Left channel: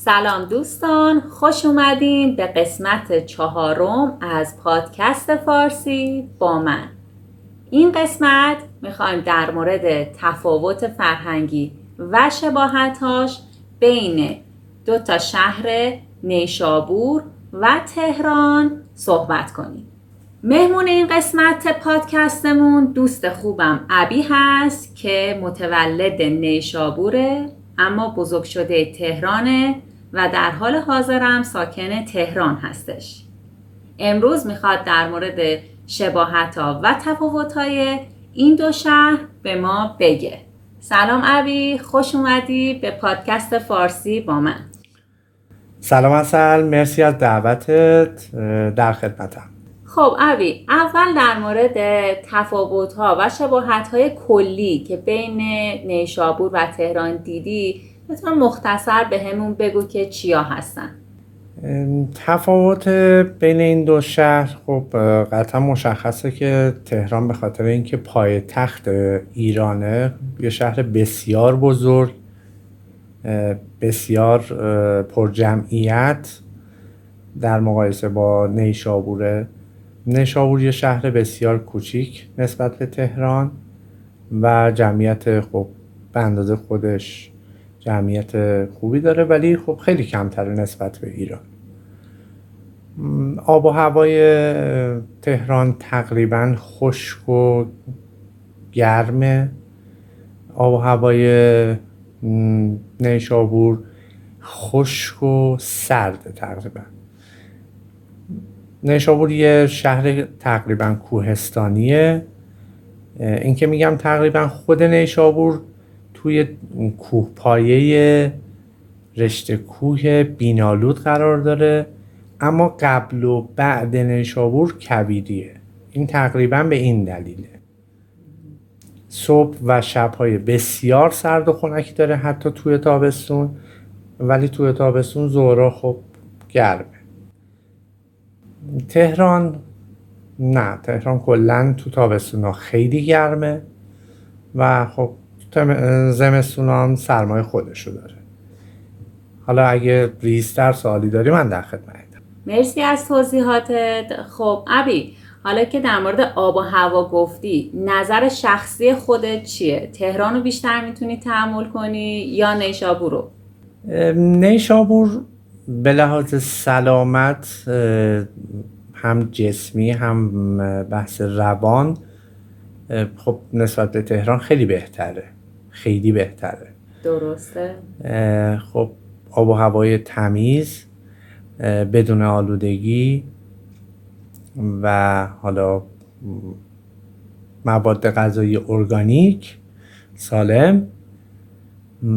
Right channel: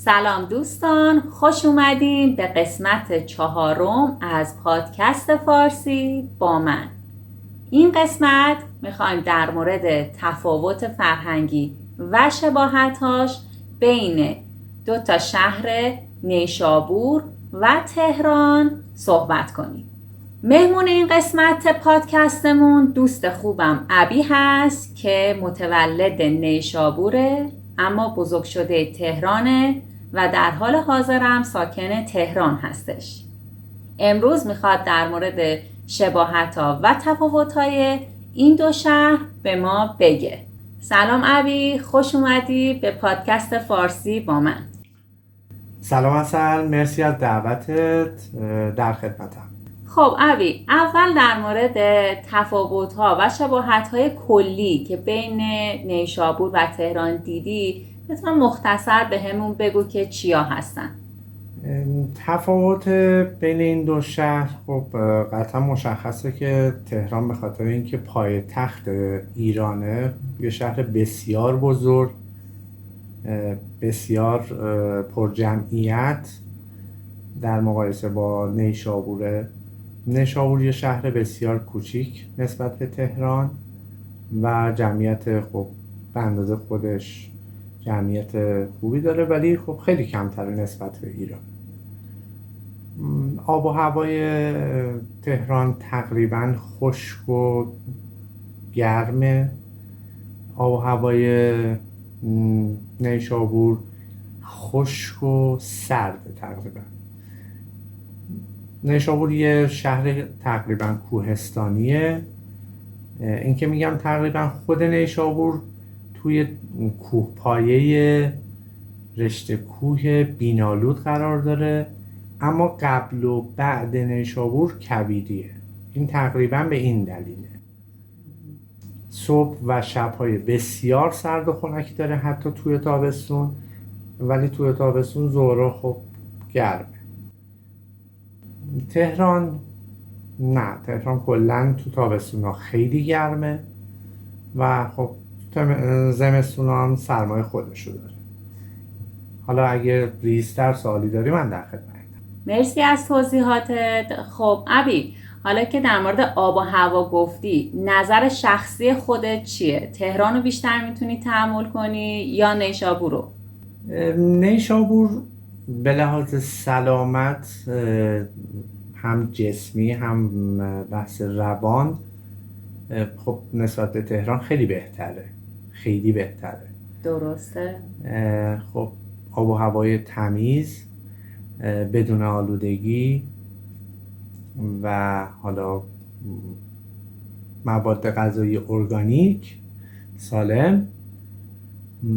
سلام دوستان، خوش اومدین به قسمت 4 از پادکست فارسی با من. این قسمت میخوایم در مورد تفاوت فرهنگی و شباهتاش بین دو تا شهر نیشابور و تهران صحبت کنیم. مهمون این قسمت پادکستمون دوست خوبم ابی هست که متولد نیشابوره اما بزرگ شده تهرانه و در حال حاضرم ساکن تهران هستش. امروز میخواد در مورد شباهت‌ها و تفاوت‌های این دو شهر به ما بگه. سلام ابی، خوش اومدی به پادکست فارسی با من. سلام عسل، مرسی از دعوتت، در خدمتم. خب ابی، اول در مورد تفاوت‌ها و شباهت‌های کلی که بین نیشابور و تهران دیدی لطفا مختصر به همون بگو که چیا هستن. تفاوت بین این دو شهر خب قطعا مشخصه که تهران به خاطر اینکه پایتخت ایرانه، یه شهر بسیار بزرگ، بسیار پر جمعیت در مقایسه با نیشابوره. نیشابور یه شهر بسیار کوچیک نسبت به تهران و جمعیت خب به اندازه خودش جمعیت خوبی داره، ولی خب خیلی کمتره نسبت به ایران. آب و هوای تهران تقریبا خشک و گرمه. آب و هوای نیشابور خشک و سرد تقریبا. نیشابور یه شهر تقریبا کوهستانیه. این که میگم تقریبا خود نیشابور توی کوهپایه رشته کوه بینالود قرار داره، اما قبل و بعد نیشابور کویریه. این تقریبا به این دلیله. صبح و شب‌های بسیار سرد و خنکی داره حتی توی تابستون، ولی توی تابستون ظهرها خب گرمه. تهران نه، تهران کلا تو تابستونا خیلی گرمه و خب زمستونا هم سرمای خودشو داره. حالا اگه ریزتر سوالی داری من در خدمتم. مرسی از توضیحاتت. خب ابی، حالا که در مورد آب و هوا گفتی، نظر شخصی خودت چیه؟ تهران رو بیشتر میتونی تحمل کنی یا نیشابور رو؟ نیشابور به لحاظ سلامت، هم جسمی هم بحث روان، خب نسبت به تهران خیلی بهتره، خیلی بهتره. درسته. خب آب و هوای تمیز بدون آلودگی و حالا مواد غذایی ارگانیک سالم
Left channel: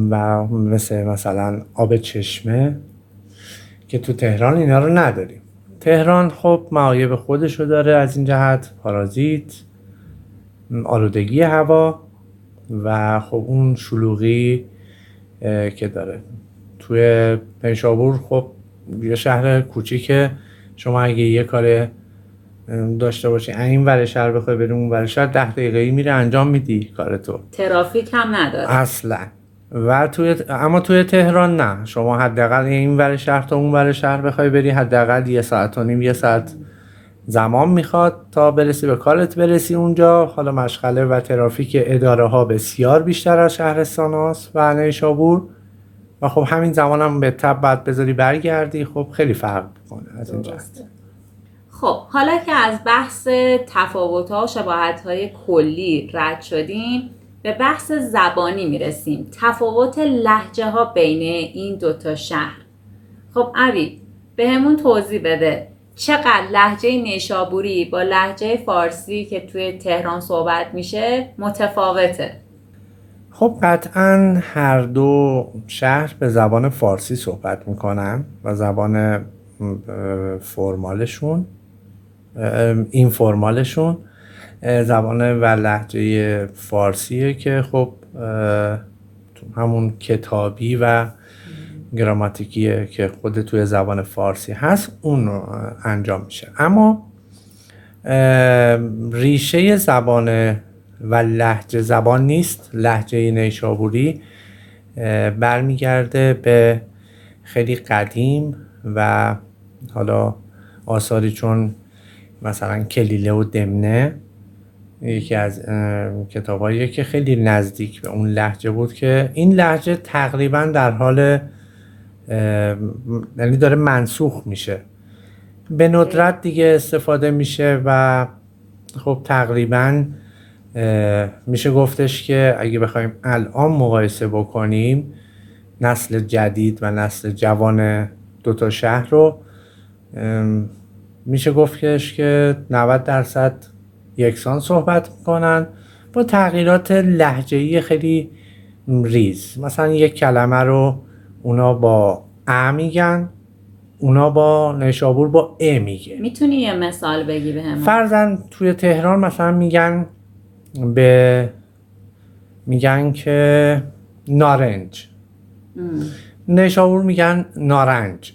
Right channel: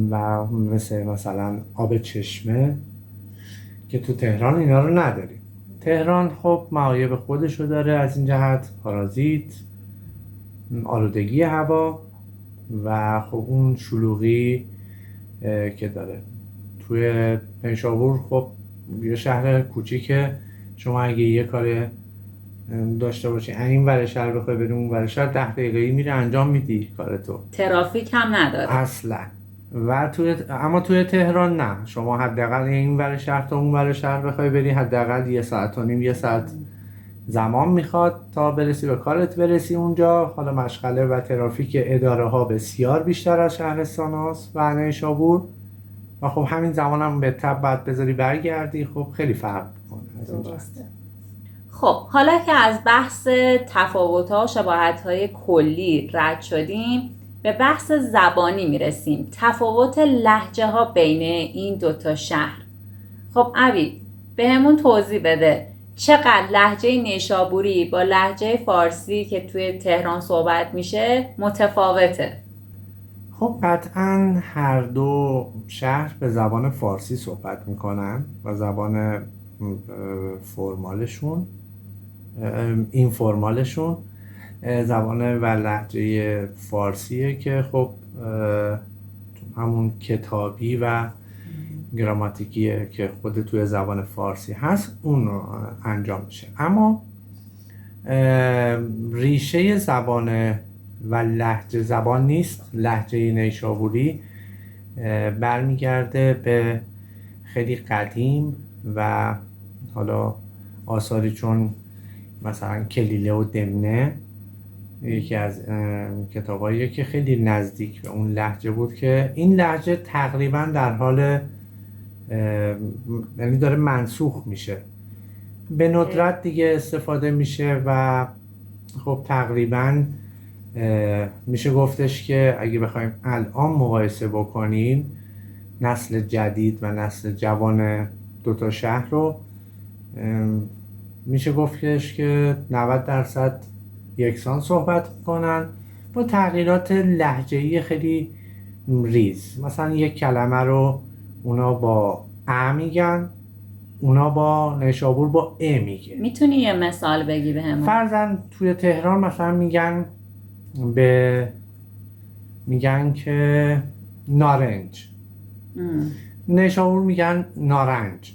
و مثلا آب چشمه که تو تهران اینا رو نداریم. تهران خب معایب خودشو داره از این جهت، پارازیت، آلودگی هوا و خب اون شلوغی که داره. توی نیشابور خب یه شهر کوچیکه، شما اگه یه کار داشته باشی این ور شهر بخوای بری اون ور شهر 10 دقیقه‌ای میره انجام میدی کارتو، ترافیک هم نداره اصلا. و اما توی تهران نه، شما حداقل این ور شهر تا اون ور شهر بخوای بری حداقل 1.5 ساعت یه ساعت زمان میخواد تا برسی به کارت، برسی اونجا. حالا مشغله و ترافیک اداره ها بسیار بیشتر از شهرستان هاست و نیشابور و خب همین زمان هم به تبع بعد بذاری برگردی، خب خیلی فرق میکنه از این جهت. خب حالا که از بحث تفاوت‌ها و شباهت‌های کلی رد شدیم، به بحث زبانی میرسیم. تفاوت لهجه‌ها بین این دوتا شهر. خب ابی، به همون توضیح بده چقدر لهجه نیشابوری با لهجه فارسی که توی تهران صحبت میشه متفاوته؟ خب قطعا هر دو شهر به زبان فارسی صحبت میکنن و زبان فرمالشون، این فرمالشون زبان و لهجه فارسیه که خب همون کتابی و گراماتیکیه که خود توی زبان فارسی هست اون انجام میشه. اما ریشه زبان و لهجه زبان نیست. لهجه نیشابوری برمیگرده به خیلی قدیم و حالا آثاری چون مثلا کلیله و دمنه یکی از کتاباییه که خیلی نزدیک به اون لهجه بود که این لهجه تقریبا در حال یعنی داره منسوخ میشه، به ندرت دیگه استفاده میشه و خب تقریبا میشه گفتش که اگه بخوایم الان مقایسه بکنیم نسل جدید و نسل جوان دوتا شهر رو میشه گفتش که 90% یکسان صحبت میکنن با تغییرات لهجه‌ای خیلی ریز. مثلا یک کلمه رو اونا با ا میگن، اونا با نیشابور با ا میگه. میتونی یه مثال بگی بهمون؟ فرضاً توی تهران مثلا میگن که نارنج، نیشابور میگن نارنج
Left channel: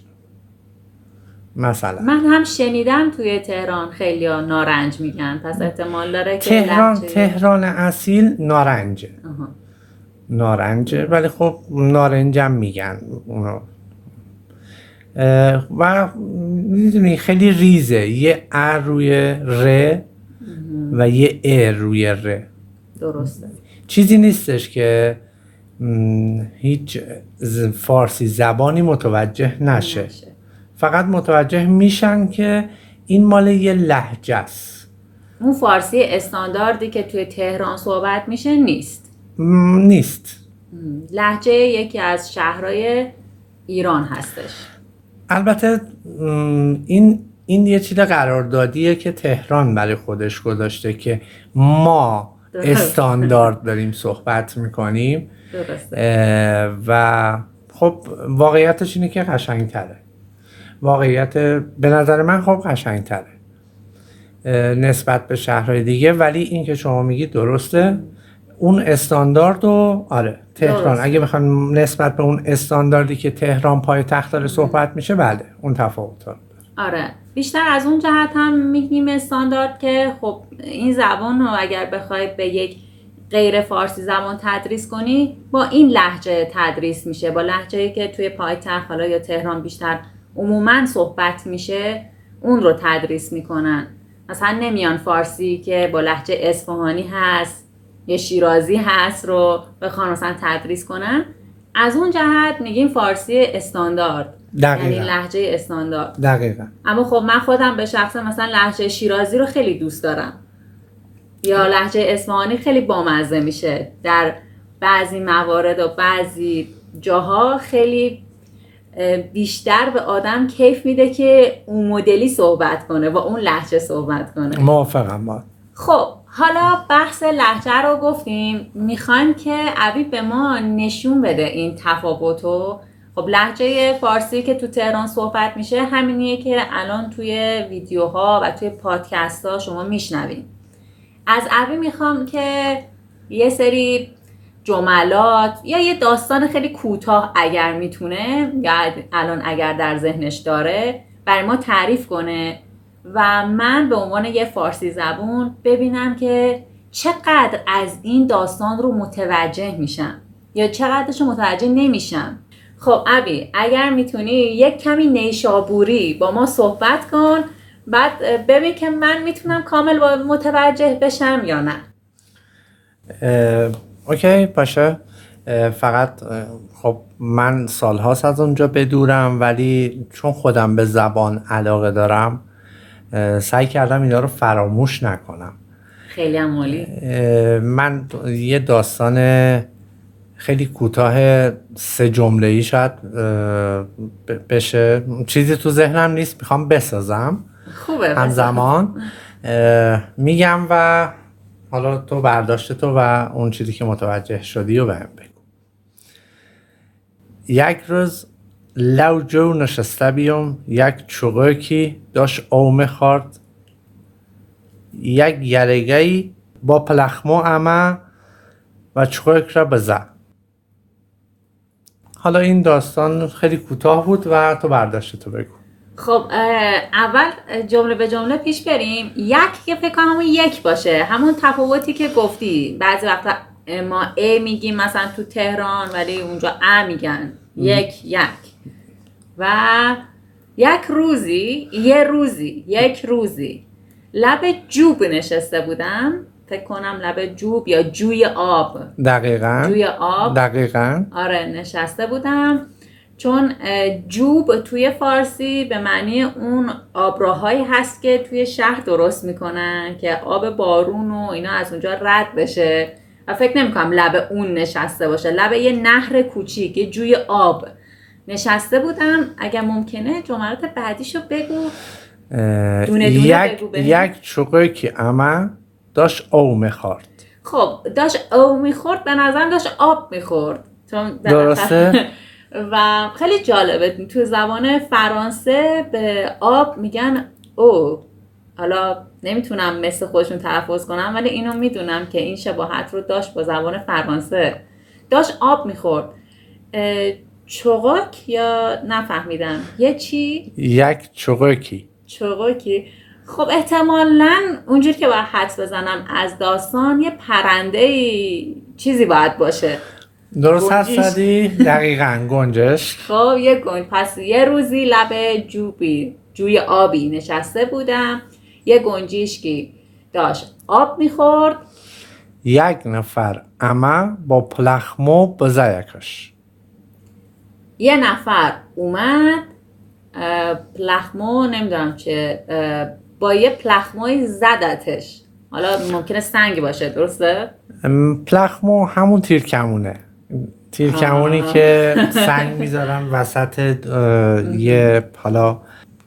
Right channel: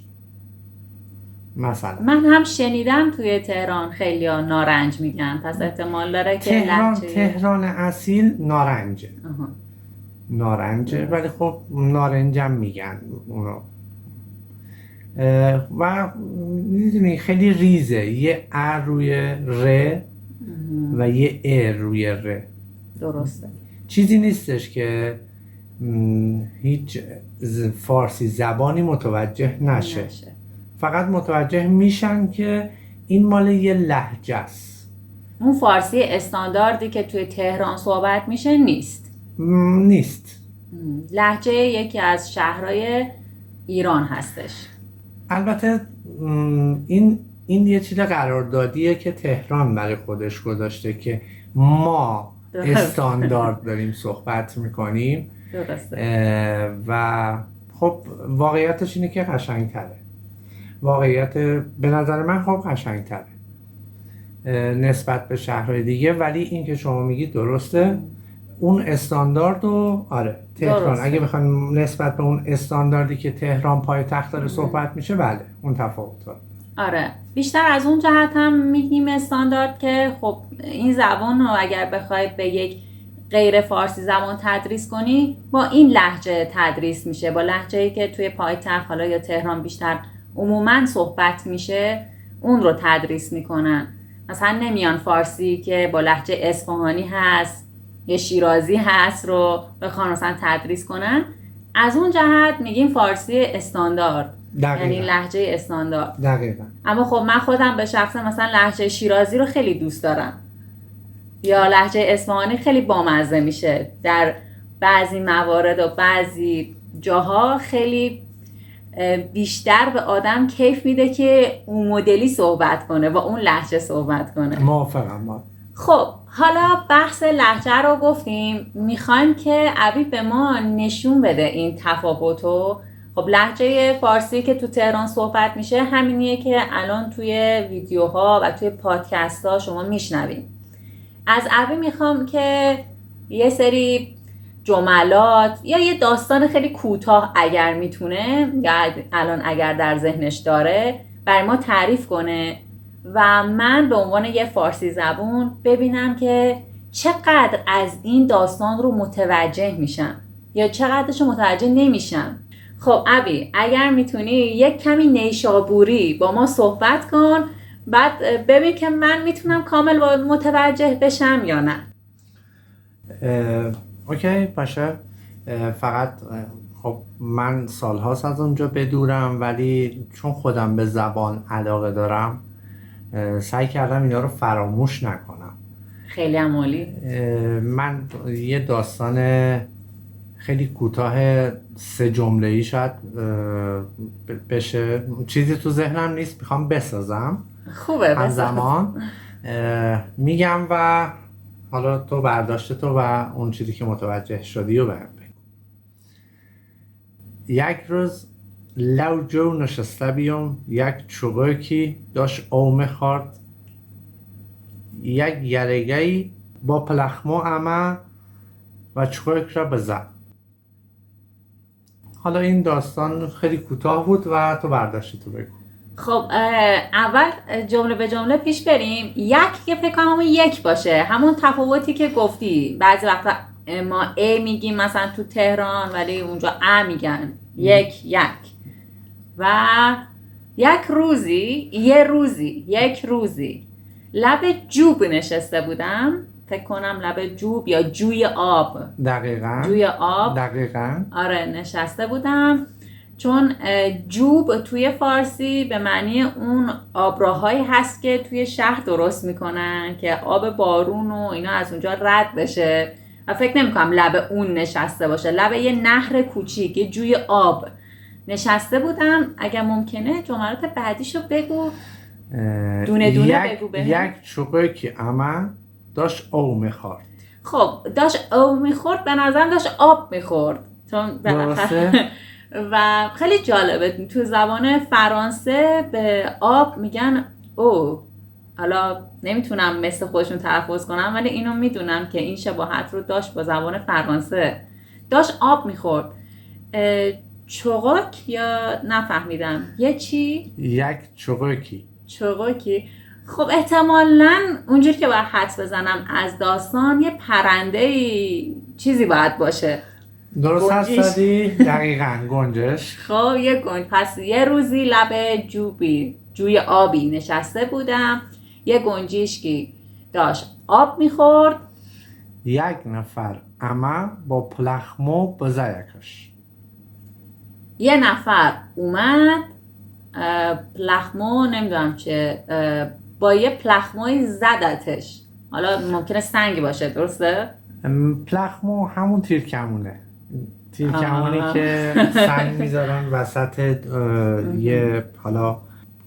مثلا. من هم شنیدم توی تهران خیلی ها نارنج میگن، پس احتمال داره که تهران اصیل نارنجه. نارنجه ولی خب نارنجم میگن اونو. و میدونی خیلی ریزه، یه ا روی ر و یه ا روی ر. درسته. چیزی نیستش که هیچ فارسی زبانی متوجه نشه. فقط متوجه میشن که این مال یه لهجه است. اون فارسی استانداردی که توی تهران صحبت میشه نیست. لهجه یکی از شهرهای ایران هستش. البته این یه چیز قراردادیه که تهران برای خودش گذاشته که ما استاندارد داریم صحبت میکنیم. درسته. و خب واقعیتش اینه که قشنگ‌تره. واقعیت به نظر من خب قشنگ‌تره نسبت به شهرهای دیگه، ولی این که شما میگی درسته. اون استاندارد رو آره تهران درسته. اگه بخوام نسبت به اون استانداردی که تهران پایتخت داره صحبت میشه، بله اون تفاوت داره. آره بیشتر از اون جهت هم میگیم استاندارد که خب این زبان رو اگر بخوای به یک غیر فارسی زبان تدریس کنی با این لهجه تدریس میشه، با لهجه‌ای که توی پایتخت حالا یا تهران بیشتر عموماً صحبت میشه اون رو تدریس میکنن. مثلا نمیان فارسی که با لهجه اصفهانی هست یا شیرازی هست رو بخوان مثلا تدریس کنن. از اون جهت میگیم فارسی استاندارد، یعنی لهجه استاندارد. دقیقاً. اما خب من خودم به شخص مثلا لهجه شیرازی رو خیلی دوست دارم، یا لهجه اصفهانی خیلی بامزه میشه در بعضی موارد و بعضی جاها، خیلی بیشتر به آدم کیف میده که اون مدلی صحبت کنه و اون لهجه صحبت کنه. موافقم با. خب حالا بحث لهجه رو گفتیم، میخوایم که عبی به ما نشون بده این تفاوتو. خب لهجه فارسی که تو تهران صحبت میشه همینیه که الان توی ویدیوها و توی پادکست ها شما میشنوین. از عبی میخوام که یه سری جملات یا یه داستان خیلی کوتاه اگر میتونه یا الان اگر در ذهنش داره برای ما تعریف کنه و من به عنوان یه فارسی زبون ببینم که چقدر از این داستان رو متوجه میشم یا چقدرش رو متوجه نمیشم. خب عبی اگر میتونی یک کمی نیشابوری با ما صحبت کن، بعد ببین که من میتونم کامل متوجه بشم یا نه. اوکی باشه. فقط خب من سالهاست از اونجا بدورم، ولی چون خودم به زبان علاقه دارم سعی کردم اینا رو فراموش نکنم. خیلی عالی. من یه داستان خیلی کوتاه 3 جمله‌ای شاید بشه، چیزی تو ذهنم نیست میخوام بسازم. خوبه همزمان میگم و حالا تو برداشت تو و اون چیزی که متوجه شدی رو بهم بگو. یک روز لو جو نشسته بیم، یک چوغکی داشت اومه خورد، یک یرگهی با پلخمو امه و چوغک را بزد. حالا این داستان خیلی کوتاه بود و تو برداشت تو بگو. خب اول جمله به جمله پیش بریم. یک که فکر کنم همون یک باشه، همون تفاوتی که گفتی بعضی وقتا ما ا میگیم مثلا تو تهران ولی اونجا ا میگن. یک و یک روزی لب جوب نشسته بودم، فکر کنم لب جوب یا جوی آب. دقیقاً. آره نشسته بودم، چون جوب توی فارسی به معنی اون آبراهایی هست که توی شهر درست میکنن که آب بارون و اینا از اونجا رد بشه و فکر نمیکنم لب اون نشسته باشه، لب یه نهر کوچیک، یه جوی آب نشسته بودم. اگر ممکنه جملات بعدیشو بگو، دونه بگو بهم. یک چوقه که اما داشت او میخورد. خب داشت او میخورد، به نظرم داشت آب میخورد، چون درسته. و خیلی جالبه تو زبان فرانسه به آب میگن او. حالا نمیتونم مثل خودشون تلفظ کنم، ولی اینو میدونم که این شباهت رو داشت با زبان فرانسه. داشت آب میخورد. چوغک یا نفهمیدم یه چی؟ یک چوغکی. خب احتمالاً اونجوری که باید حدس بزنم از داستان یه پرنده چیزی باید باشه. درست هستی؟ دقیقاً گنجش. خب پس یه روزی لب جوی آبی نشسته بودم، یه گنجشکی داشت آب میخورد. یک نفر اما با پلخمو بزایکش. یه نفر اومد، پلخمو نمیدونم چه، با یه پلخموی زدتش. حالا ممکنه سنگ باشه، درسته؟ پلخمو همون تیرکمونه که سنگ میذارن وسط یه، حالا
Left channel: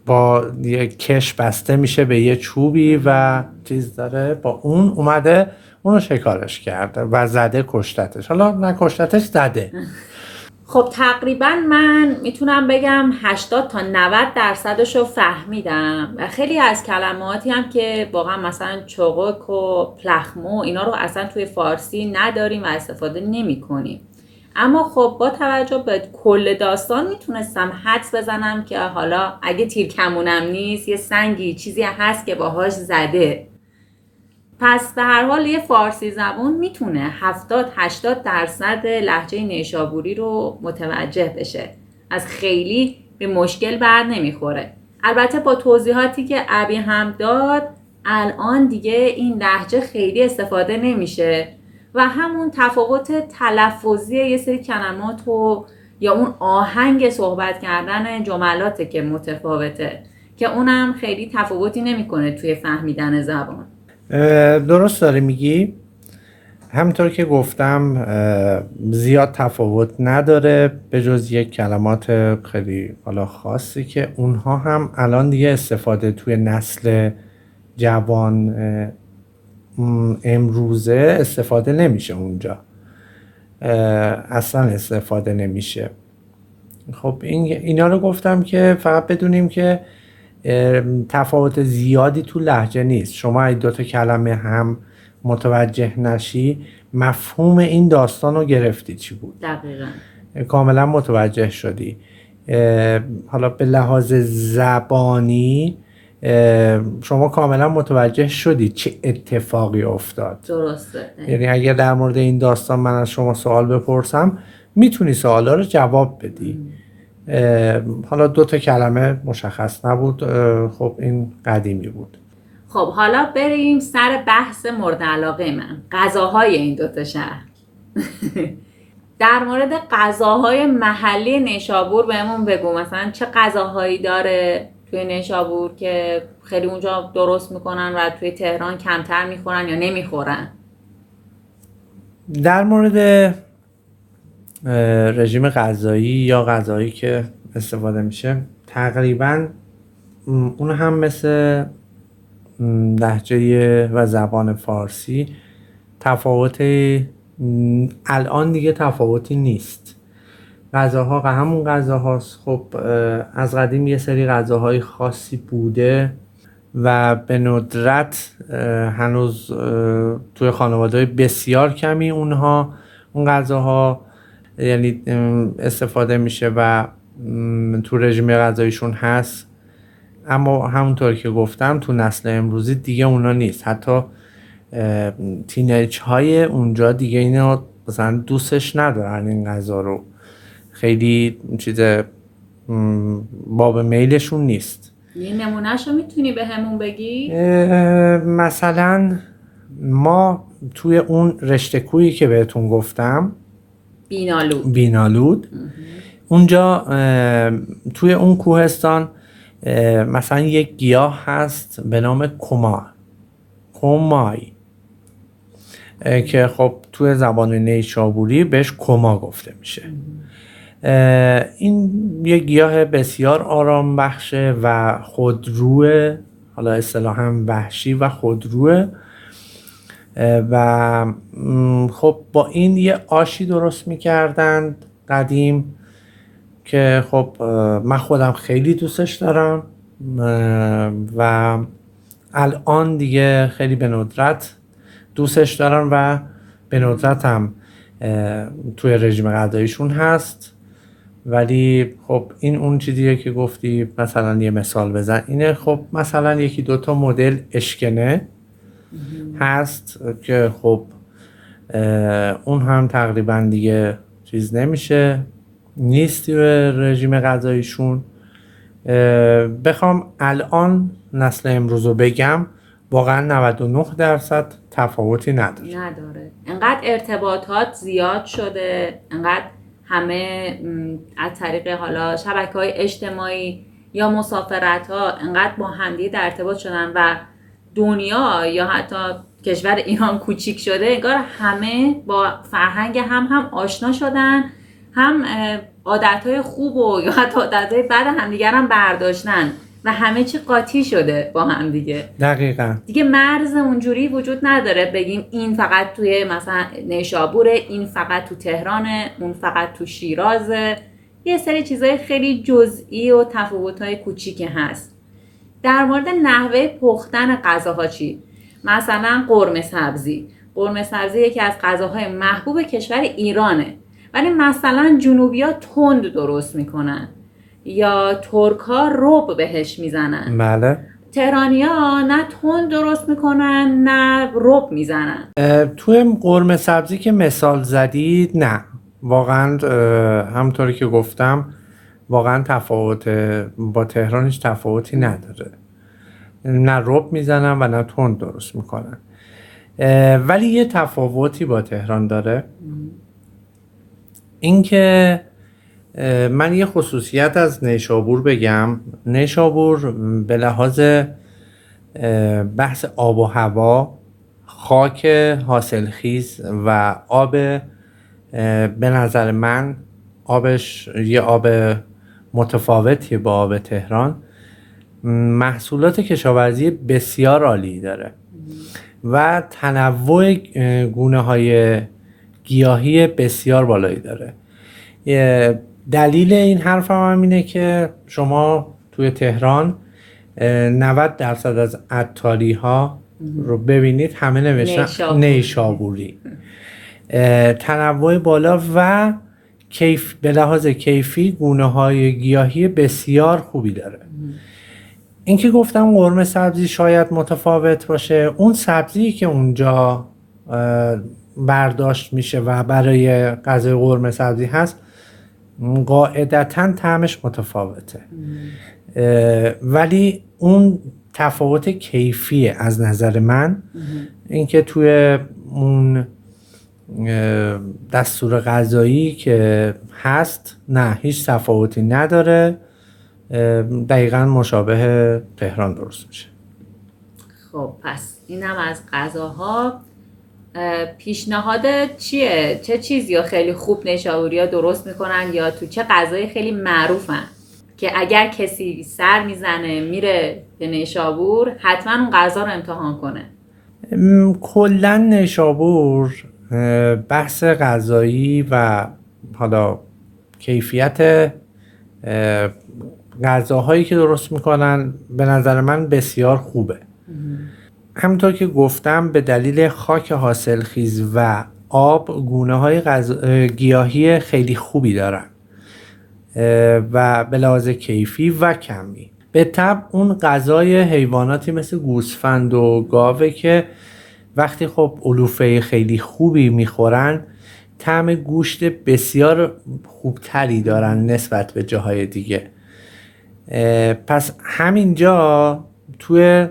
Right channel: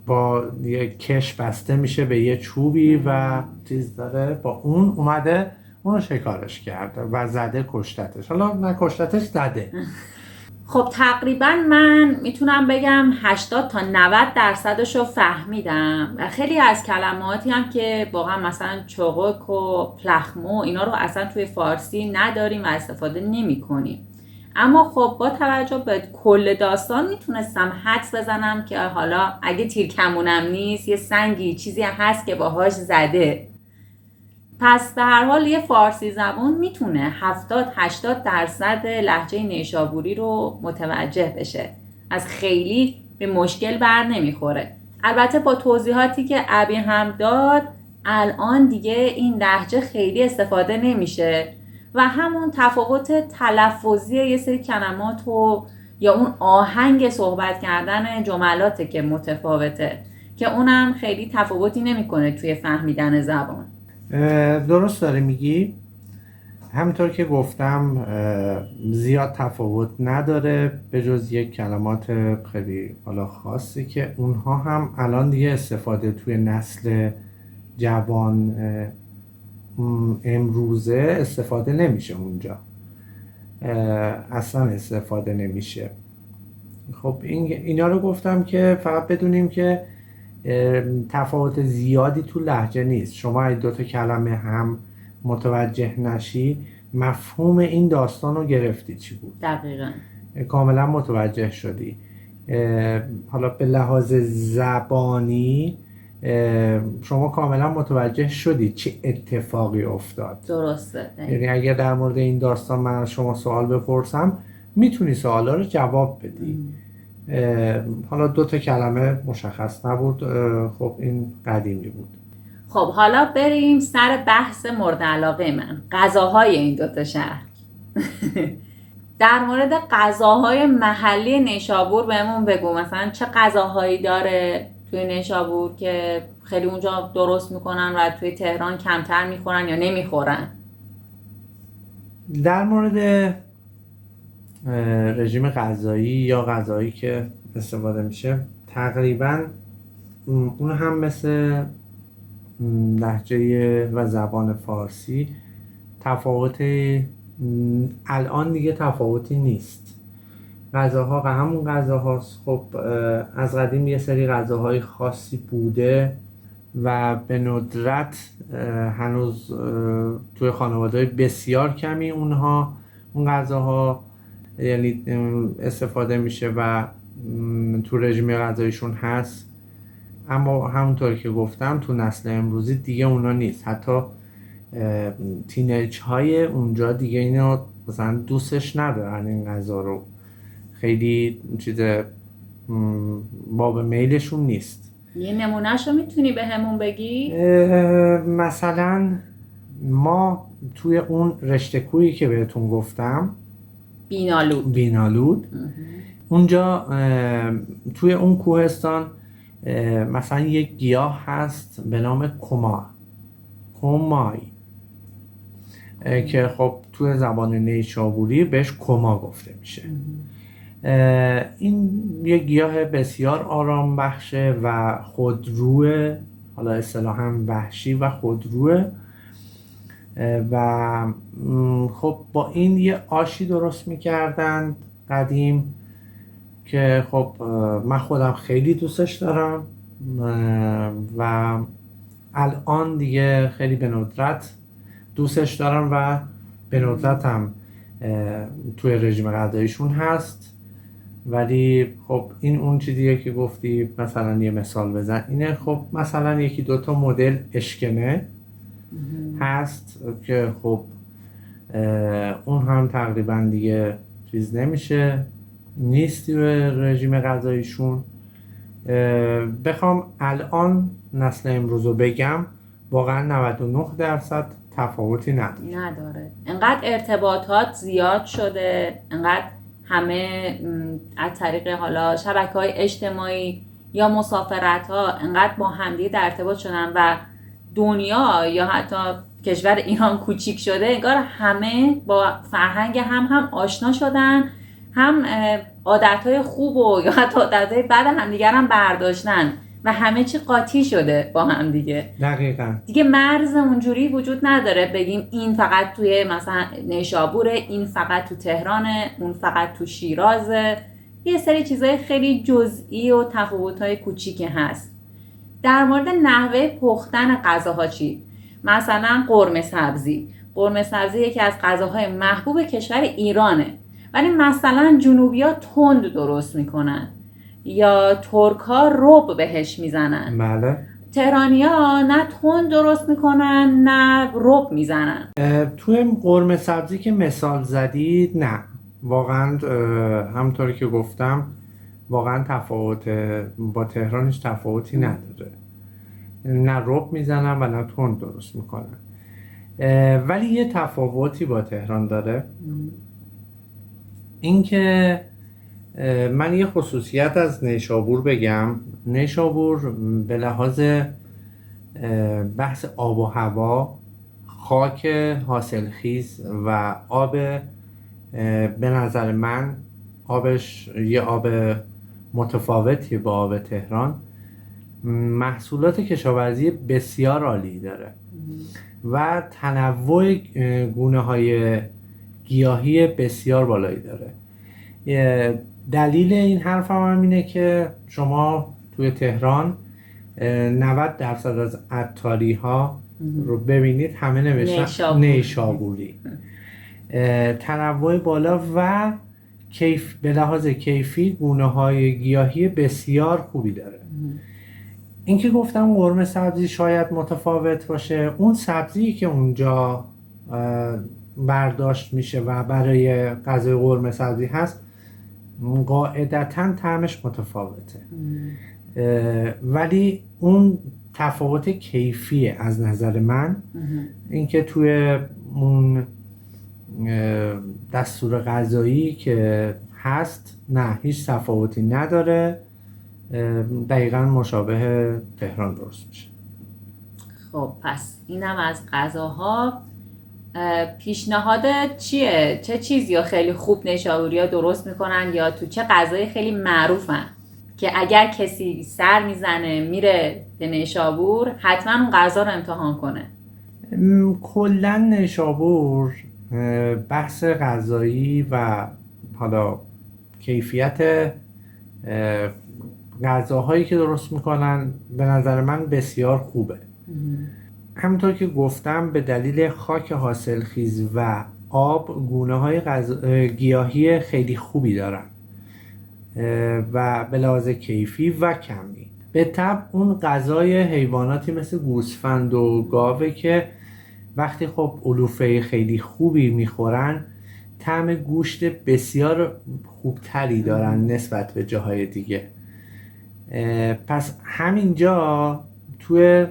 با یه کش بسته میشه به یه چوبی و چیز داره، با اون اومده اونو شکارش کرده و زده کشتتش. حالا نکشتتش، زده. خب تقریبا من میتونم بگم 80 تا 90% رو فهمیدم و خیلی از کلماتی هم که واقعا مثلا چوغک و پلخمو اینا رو اصلا توی فارسی نداریم و استفاده نمی کنیم. اما خب با توجه به کل داستان میتونستم حدس بزنم که حالا اگه تیرکمونم نیست، یه سنگی چیزی هست که باهاش زده. پس به هر حال یه فارسی زبان میتونه 70-80% لهجه نیشابوری رو متوجه بشه، از خیلی به مشکل بر نمیخوره. البته با توضیحاتی که ابی هم داد، الان دیگه این لهجه خیلی استفاده نمیشه و همون تفاوت تلفظی یه سری کلمات و یا اون آهنگ صحبت کردن جملاته که متفاوته، که اونم خیلی تفاوتی نمیکنه توی فهمیدن زبان. درست داری میگی. همونطور که گفتم زیاد تفاوت نداره به جز یک کلمات خیلی حالا خاصی که اونها هم الان دیگه استفاده توی نسل جوان امروزه استفاده نمیشه، اونجا اصلا استفاده نمیشه. خب اینا رو گفتم که فقط بدونیم که تفاوت زیادی تو لهجه نیست. شما اگه دوتا کلمه هم متوجه نشی، مفهوم این داستان رو گرفتی چی بود، دقیقاً کاملا متوجه شدی. حالا به لحاظ زبانی شما کاملا متوجه شدی چه اتفاقی افتاد. درسته. یعنی اگر در مورد این داستان من از شما سوال بپرسم، میتونی سوالا رو جواب بدی. حالا دوتا کلمه مشخص نبود. خب این قدیمی بود. خب حالا بریم سر بحث مورد علاقه من، غذاهای این دوتا شهر. در مورد غذاهای محلی نیشابور بهمون بگو، مثلا چه غذاهایی داره توی نیشابور که خیلی اونجا درست میکنن و توی تهران کمتر میخورن یا نمیخورن؟ در مورد رژیم غذایی یا غذایی که استفاده میشه، تقریبا اون هم مثل لهجه و زبان فارسی الان دیگه تفاوتی نیست. غذاها همون غذاهاست. خب از قدیم یه سری غذاهای خاصی بوده و به ندرت هنوز توی خانواده‌های بسیار کمی اون غذاها یعنی استفاده میشه و تو رژیم غذاییشون هست. اما همونطور که گفتم تو نسل امروزی دیگه اونا نیست. حتی تینیج های اونجا دیگه اینا مثلا دوستش ندارن این غذا رو. خیلی چیز باب میلشون نیست. یه نمونهشو میتونی به همون بگی؟ مثلا ما توی اون رشته کویی که بهتون گفتم، بینالود اونجا توی اون کوهستان مثلا یک گیاه هست به نام کمای که خب توی زبان نیشابوری بهش کما گفته میشه. این یک گیاه بسیار آرام بخشه و خودروه، حالا اصطلاحاً وحشی و خودروه، و خب با این یه آشی درست میکردن قدیم که خب من خودم خیلی دوستش دارم و الان دیگه خیلی به ندرت دوستش دارم و به ندرت هم توی رژیم غذاییشون هست. ولی خب این اون چیزیه که گفتی. مثلا یه مثال بزن اینه، خب مثلا یکی دوتا مدل اشکنه هست که خب اون هم تقریبا دیگه چیز نمیشه، نیست توی رژیم غذاییشون. بخوام الان نسل امروز رو بگم، واقعا 99% تفاوتی نداره. انقدر ارتباطات زیاد شده، انقدر همه از طریق حالا شبکه‌های اجتماعی یا مسافرت ها انقدر با همدیگه در ارتباط شدن و دنیا یا حتی کشور ایران کوچیک شده، انگار همه با فرهنگ هم آشنا شدن، هم عادتهای خوب و یا حتی عادتهای بد همدیگر هم برداشتن و همه چی قاطی شده با هم دیگه. دقیقاً دیگه مرز اونجوری وجود نداره بگیم این فقط توی مثلا نیشابوره، این فقط تو تهرانه، اون فقط تو شیرازه. یه سری چیزای خیلی جزئی و تفاوت‌های کوچیکی هست. در مورد نحوه پختن غذاها چی؟ مثلا قرمه سبزی یکی از غذاهای محبوب کشور ایرانه، ولی مثلا جنوبی‌ها تند درست میکنن یا ترک‌ها رب بهش میزنن. بله. تهرانی‌ها نه تند درست میکنن نه رب میزنن. توی قرمه سبزی که مثال زدید، نه واقعا همونطوری که گفتم واقعا تفاوت با تهرانش تفاوتی نداره، نه رب میزنن و نه تند درست میکنن. ولی یه تفاوتی با تهران داره، اینکه من یه خصوصیت از نیشابور بگم. نیشابور به لحاظ بحث آب و هوا، خاک حاصلخیز و آب، به نظر من آبش یه آب متفاوتیه با آب تهران. محصولات کشاورزی بسیار عالی داره و تنوع گونه های گیاهی بسیار بالایی داره. دلیل این حرفم هم اینه که شما توی تهران 90% از عطاری ها رو ببینید همه نوشتن نیشابوری. تنوع بالا و به لحاظ کیفی گونه های گیاهی بسیار خوبی داره. این که گفتم قرمه سبزی شاید متفاوت باشه، اون سبزی که اونجا برداشت میشه و برای غذای قرمه سبزی هست قاعدتاً طعمش متفاوته، ولی اون تفاوت کیفیه از نظر من. اینکه توی اون دستور غذایی که هست نه، هیچ تفاوتی نداره، دقیقاً مشابه تهران درست میشه. خب پس اینم از غذاها. پیشنهادت چیه؟ چه چیزی ها خیلی خوب نیشابوری ها درست میکنن یا تو چه غذایی خیلی معروفن که اگر کسی سر میزنه میره به نیشابور حتما اون غذا رو امتحان کنه؟ کلا نیشابور بحث غذایی و حالا کیفیت غذاهایی که درست میکنن به نظر من بسیار خوبه. همونطور که گفتم به دلیل خاک حاصلخیز و آب گونه‌های گیاهی خیلی خوبی دارن و به لحاظ کیفی و کمی. به طبع اون غذای حیواناتی مثل گوسفند و گاوه که وقتی خب علوفه خیلی خوبی میخورن طعم گوشت بسیار خوبتری دارن نسبت به جاهای دیگه. پس همینجا توی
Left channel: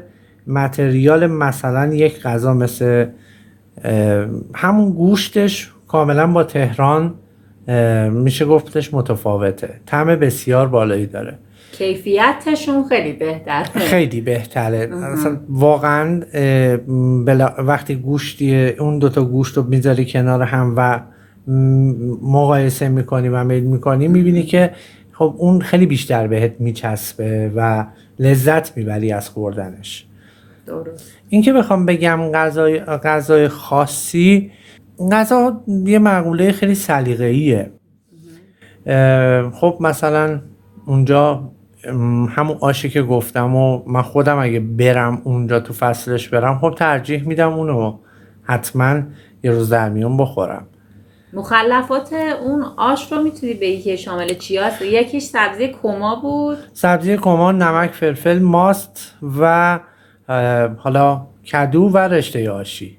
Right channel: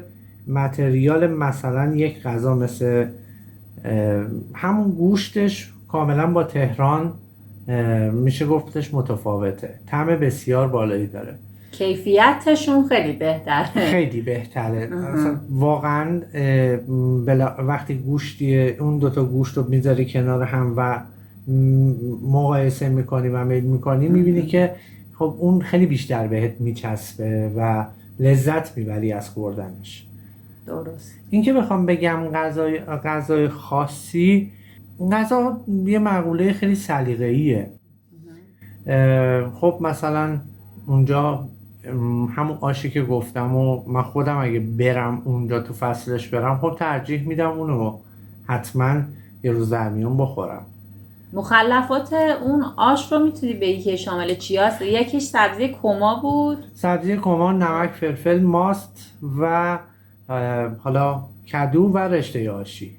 متریال مثلا یک غذا مثل همون گوشتش کاملا با تهران میشه گفتش متفاوته. طعم بسیار بالایی داره، کیفیتشون خیلی بهتره. خیلی بهتره اصلا واقعا. وقتی گوشتی اون دوتا گوشت رو میذاری کنار هم و مقایسه میکنی و میل میکنی، میبینی که خب اون خیلی بیشتر بهت میچسبه و لذت میبری از خوردنش. درست. این که بخوام بگم غذای خاصی، غذا یه مقوله خیلی سلیقه‌ایه. خب مثلا اونجا همون آشی که گفتم و من خودم اگه برم اونجا تو فصلش برم، خب ترجیح میدم اونو حتما یه روز در میون بخورم. مخلفات اون آش رو میتونی بگی که شامل چی هست؟ یکیش سبزی کما بود. سبزی کما، نمک، فلفل، ماست و حالا کدو و رشته آشی.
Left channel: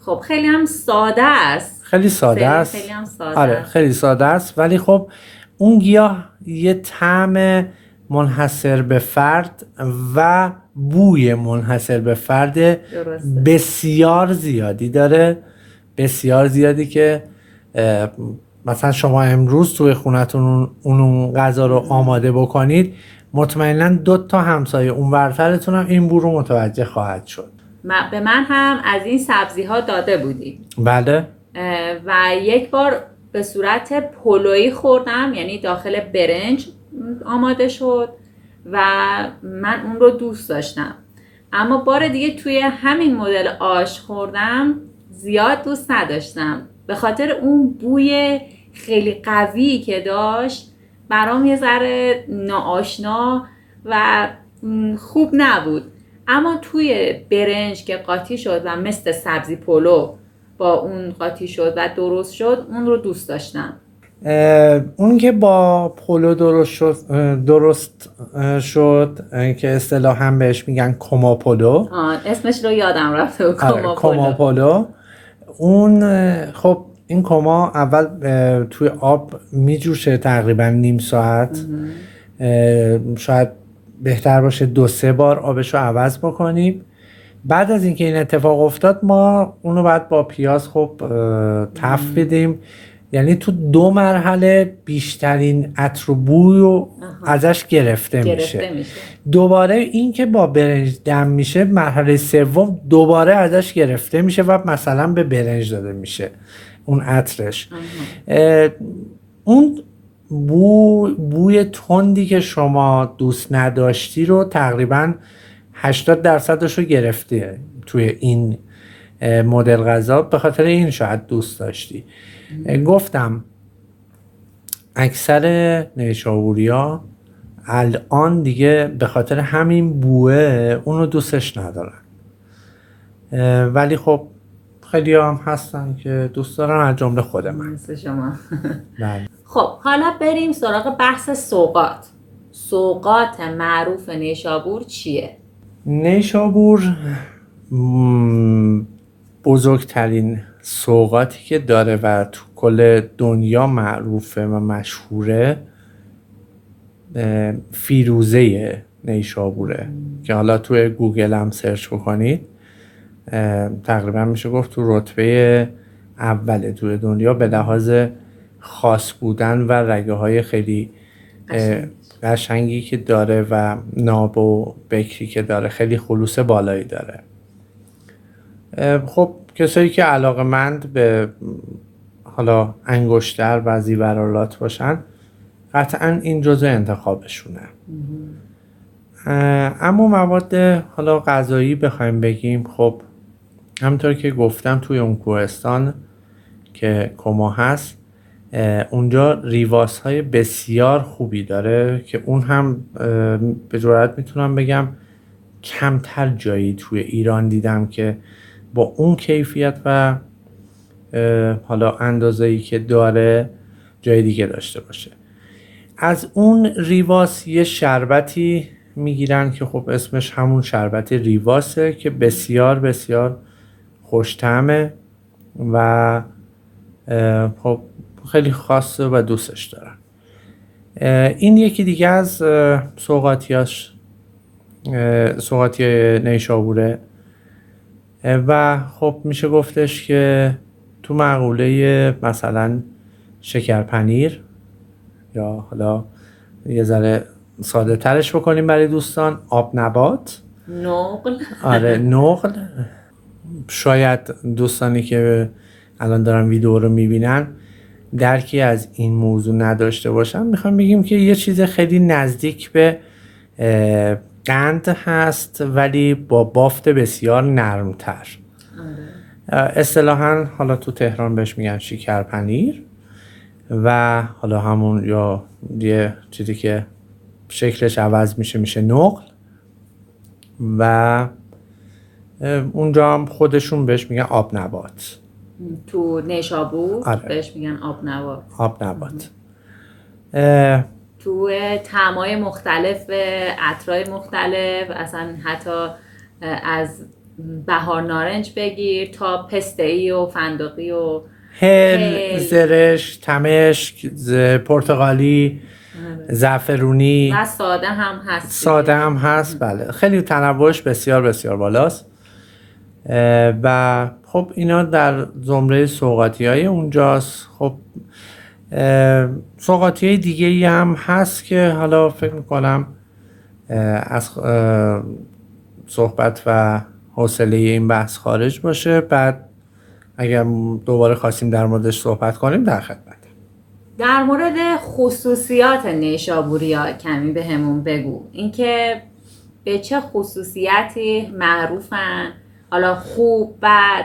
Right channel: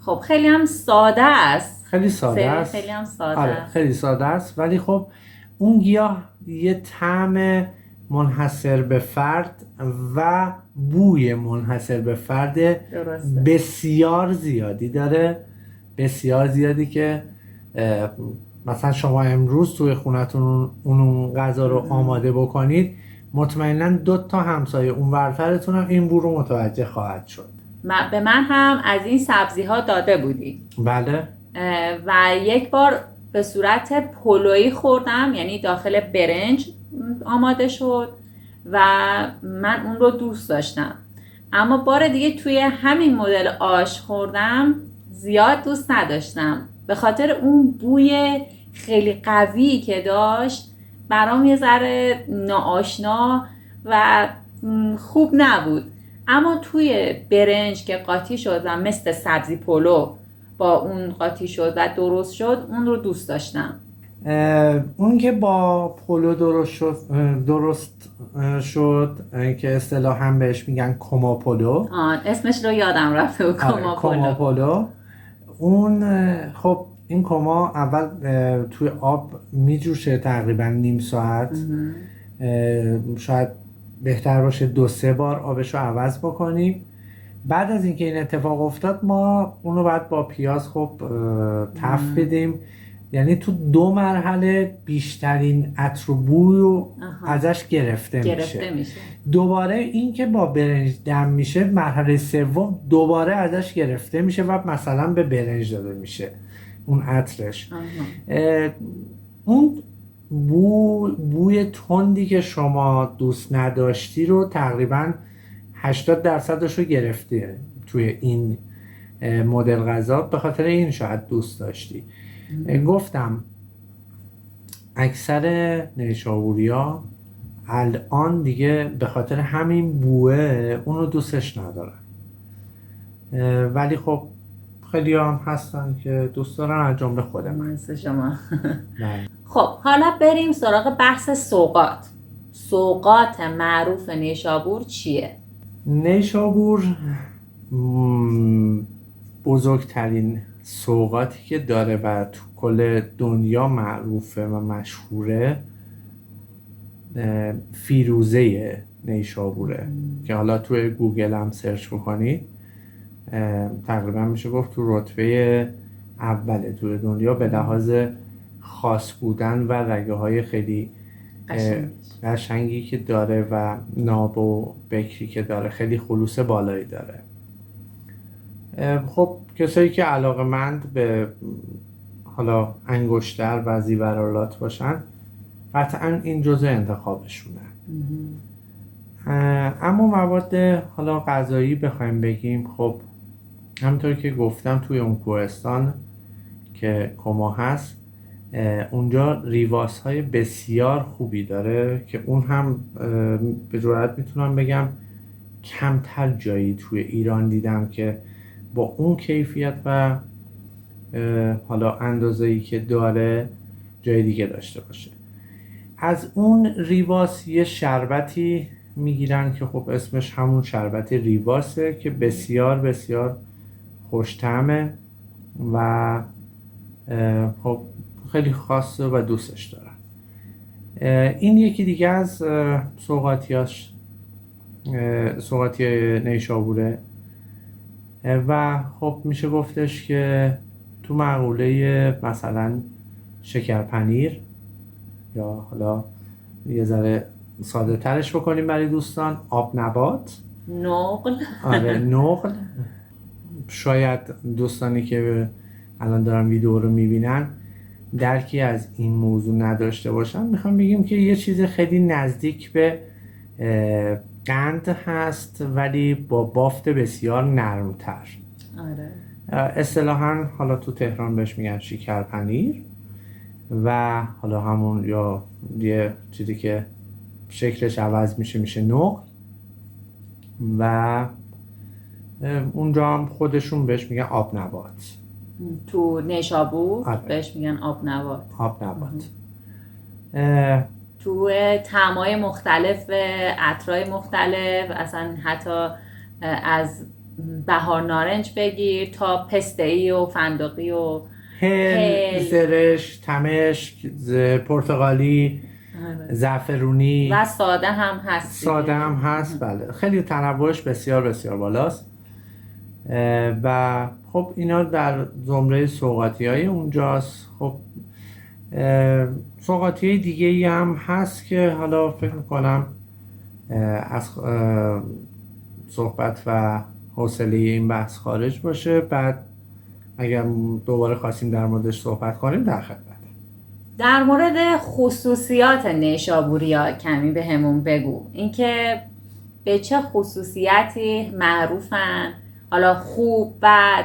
خب خیلی هم ساده است. خیلی ساده است. خیلی هم ساده آره است. خیلی ساده است، ولی خب اون گیاه یه طعم منحصر به فرد و بوی منحصر به فرد درسته. بسیار زیادی داره، بسیار زیادی که مثلا شما امروز توی خونتون اون غذا رو آماده بکنید، مطمئنا 2 تا همسایه اون ورترتون هم این بو رو متوجه خواهد شد. به من هم از این سبزی ها داده بودی. بله. و یک بار به صورت پلویی خوردم، یعنی داخل برنج آماده شد و من اون رو دوست داشتم. اما بار دیگه توی همین مدل آش خوردم، زیاد دوست نداشتم به خاطر اون بوی خیلی قوی که داشت. برام یه ذره ناآشنا و خوب نبود. اما توی برنج که قاطی شد و مثل سبزی پلو با اون قاطی شد و درست شد، اون رو دوست داشتم. اون که با پلو درست شد که اصطلاحاً بهش میگن کما پلو. اسمش رو یادم رفته. کما پلو. اون خب این کما اول توی آب میجوشه تقریبا نیم ساعت. شاید بهتر باشه 2-3 بار آبش رو عوض بکنیم. بعد از اینکه این اتفاق افتاد، ما اونو بعد با پیاز خب تفت بدیم، یعنی تو 2 مرحله بیشترین عطر و بوی ازش گرفته میشه. دوباره این که با برنج دم میشه، مرحله سوم دوباره ازش گرفته میشه و مثلا به برنج داده میشه اون عطرش. اون بوی تندی که شما دوست نداشتی رو تقریبا 80% رو گرفته توی این مدل غذا. به خاطر این شاید دوست داشتی. گفتم اکثر نیشابوریا الان دیگه به خاطر همین بوه اونو دوستش ندارن، ولی خب خیلی هم هستن که دوست دارن، از جمله خود من. مثل شما. خب حالا بریم سراغ بحث سوغات. سوغات معروف نیشابور چیه؟ نیشابور بزرگترین سوغاتی که داره و تو کل دنیا معروفه و مشهوره فیروزه نیشابوره که حالا توی گوگل هم سرچ بکنید تقریبا میشه گفت تو رتبه اوله توی دنیا به لحاظ خاص بودن و رگه های خیلی قشنگی که داره و ناب و بکری که داره، خیلی خلوص بالایی داره. خب کسایی که علاقه‌مند به حالا انگشتر و زیورالات باشن، قطعا این جزء انتخابشونه. اما مواد حالا غذایی بخوایم بگیم، خب همونطور که گفتم توی اون کوهستان که کما هست، اونجا ریواس های بسیار خوبی داره که اون هم به جرئت میتونم بگم کمتر جایی توی ایران دیدم که با اون کیفیت و حالا اندازه‌ای که داره جای دیگه داشته باشه. از اون ریواس یه شربتی میگیرن که خب اسمش همون شربت ریواسه که بسیار بسیار خوش‌طعمه و خب خیلی خاصه و دوستش دارن. این یکی دیگه از سوغاتی نیشابوره و خب میشه گفتش که تو مقوله مثلا شکرپنیر، یا حالا یه ذره ساده ترش بکنیم برای دوستان، آب نبات، نقل. آره نقل. شاید دوستانی که الان دارن ویدیو رو میبینن درکی از این موضوع نداشته باشن، میخوام بگیم که یه چیز خیلی نزدیک به قند هست ولی با بافت بسیار نرمتر. اصطلاحاً حالا تو تهران بهش میگن شکرپنیر و حالا همون یا یه چیزی که شکلش عوض میشه نقل و اونجا هم خودشون بهش میگن آب نبات. تو نیشابور بهش میگن آب نبات. آب نبات. تو طعمای مختلف، عطرای مختلف، اصلا حتی از بهار نارنج بگیر تا پسته‌ای و فندقی و هل، زرش، تمشک، پرتغالی، زعفرونی و ساده هم هست. بله، خیلی تنوعش بسیار بسیار بالاست و خب اینا در زمره سوغاتی‌های اونجاست. خب سوغاتی‌های دیگه‌ای هم هست که حالا فکر می‌کنم از صحبت و حوصله این بحث خارج باشه، بعد اگر دوباره خواستیم در موردش صحبت کنیم در خدمت. در مورد خصوصیات نیشابوریا کمی به همون بگو، اینکه به چه خصوصیتی معروفن، حالا خوب بد،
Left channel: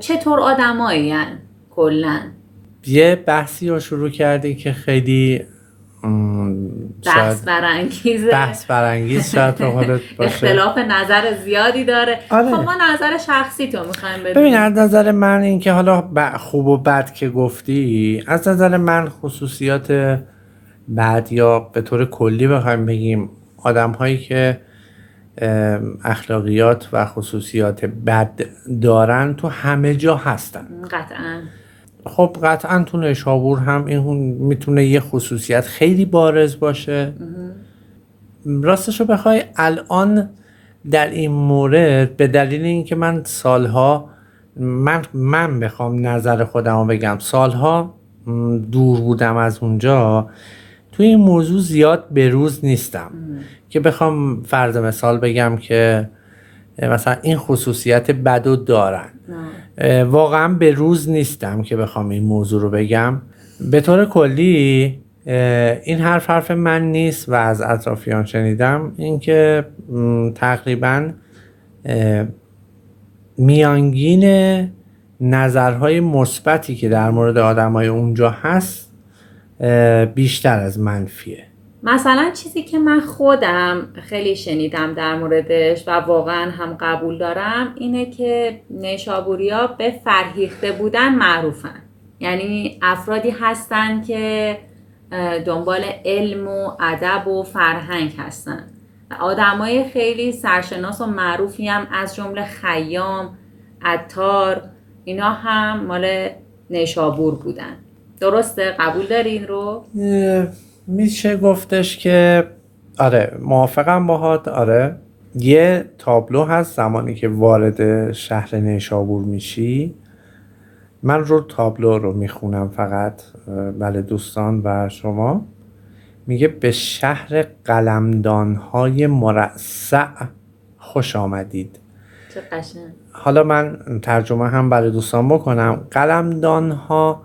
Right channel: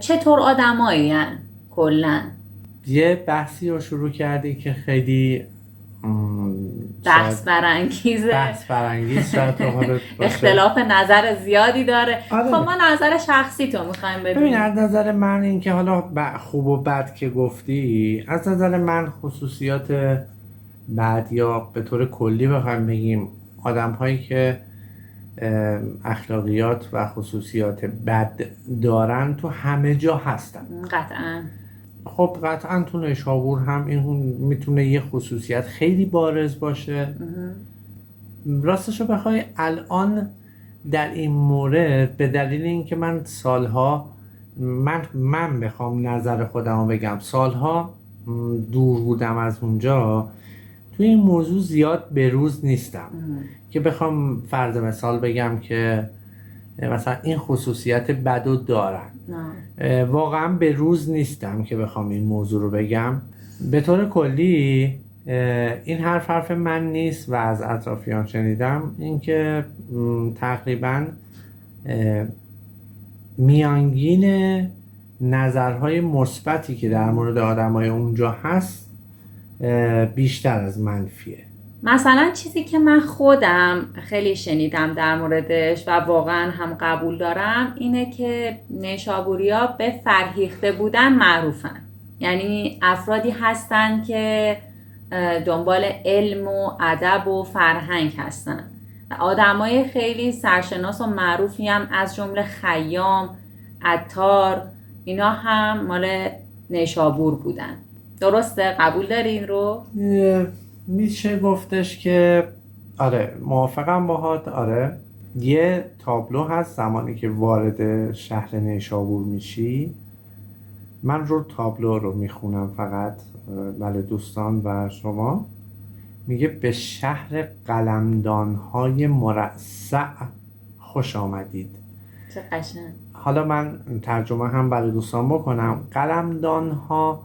چطور آدمایی هن کلن. یه بحثی رو شروع کردی که خیلی بحث برانگیز شاید اختلاف نظر زیادی داره. آره. خب ما نظر شخصی تو میخوایم بدونیم. ببین از نظر من این که حالا خوب و بد که گفتی، از نظر من خصوصیات بد یا به طور کلی بخوایم بگیم آدم هایی که اخلاقیات و خصوصیات بد دارن تو همه جا هستن. قطعاً. خب قطعاً تو نیشابور هم این میتونه یه خصوصیت خیلی بارز باشه. راستشو بخوای الان در این مورد به دلیل اینکه من سالها من بخوام نظر خودم رو بگم، سالها دور بودم از اونجا، توی این موضوع زیاد بروز نیستم که بخوام فرض مثال بگم که مثلا این خصوصیت بدو دارن. واقعا به روز نیستم که بخوام این موضوع رو بگم. به طور کلی این حرف من نیست و از اطرافیان شنیدم اینکه تقریبا میانگین نظرهای مثبتی که در مورد آدمای اونجا هست بیشتر از منفیه. مثلا چیزی که من خودم خیلی شنیدم در موردش و واقعا هم قبول دارم اینه که نیشابوریا به فرهیخته بودن معروفن. یعنی افرادی هستن که دنبال علم و ادب و فرهنگ هستن. آدمای خیلی سرشناس و معروفی هم از جمله خیام، عطار، اینا هم مال نیشابور بودن. درسته؟ قبول داری این رو؟ میشه گفتش که آره، موافقم باهات. آره، یه تابلو هست زمانی که وارد شهر نیشابور میشی. من رو تابلو رو میخونم فقط، بله دوستان و شما. میگه به شهر قلمدان‌های مرصع خوش آمدید. چه قشنگ. حالا من ترجمه هم برای دوستان بکنم. قلمدان‌ها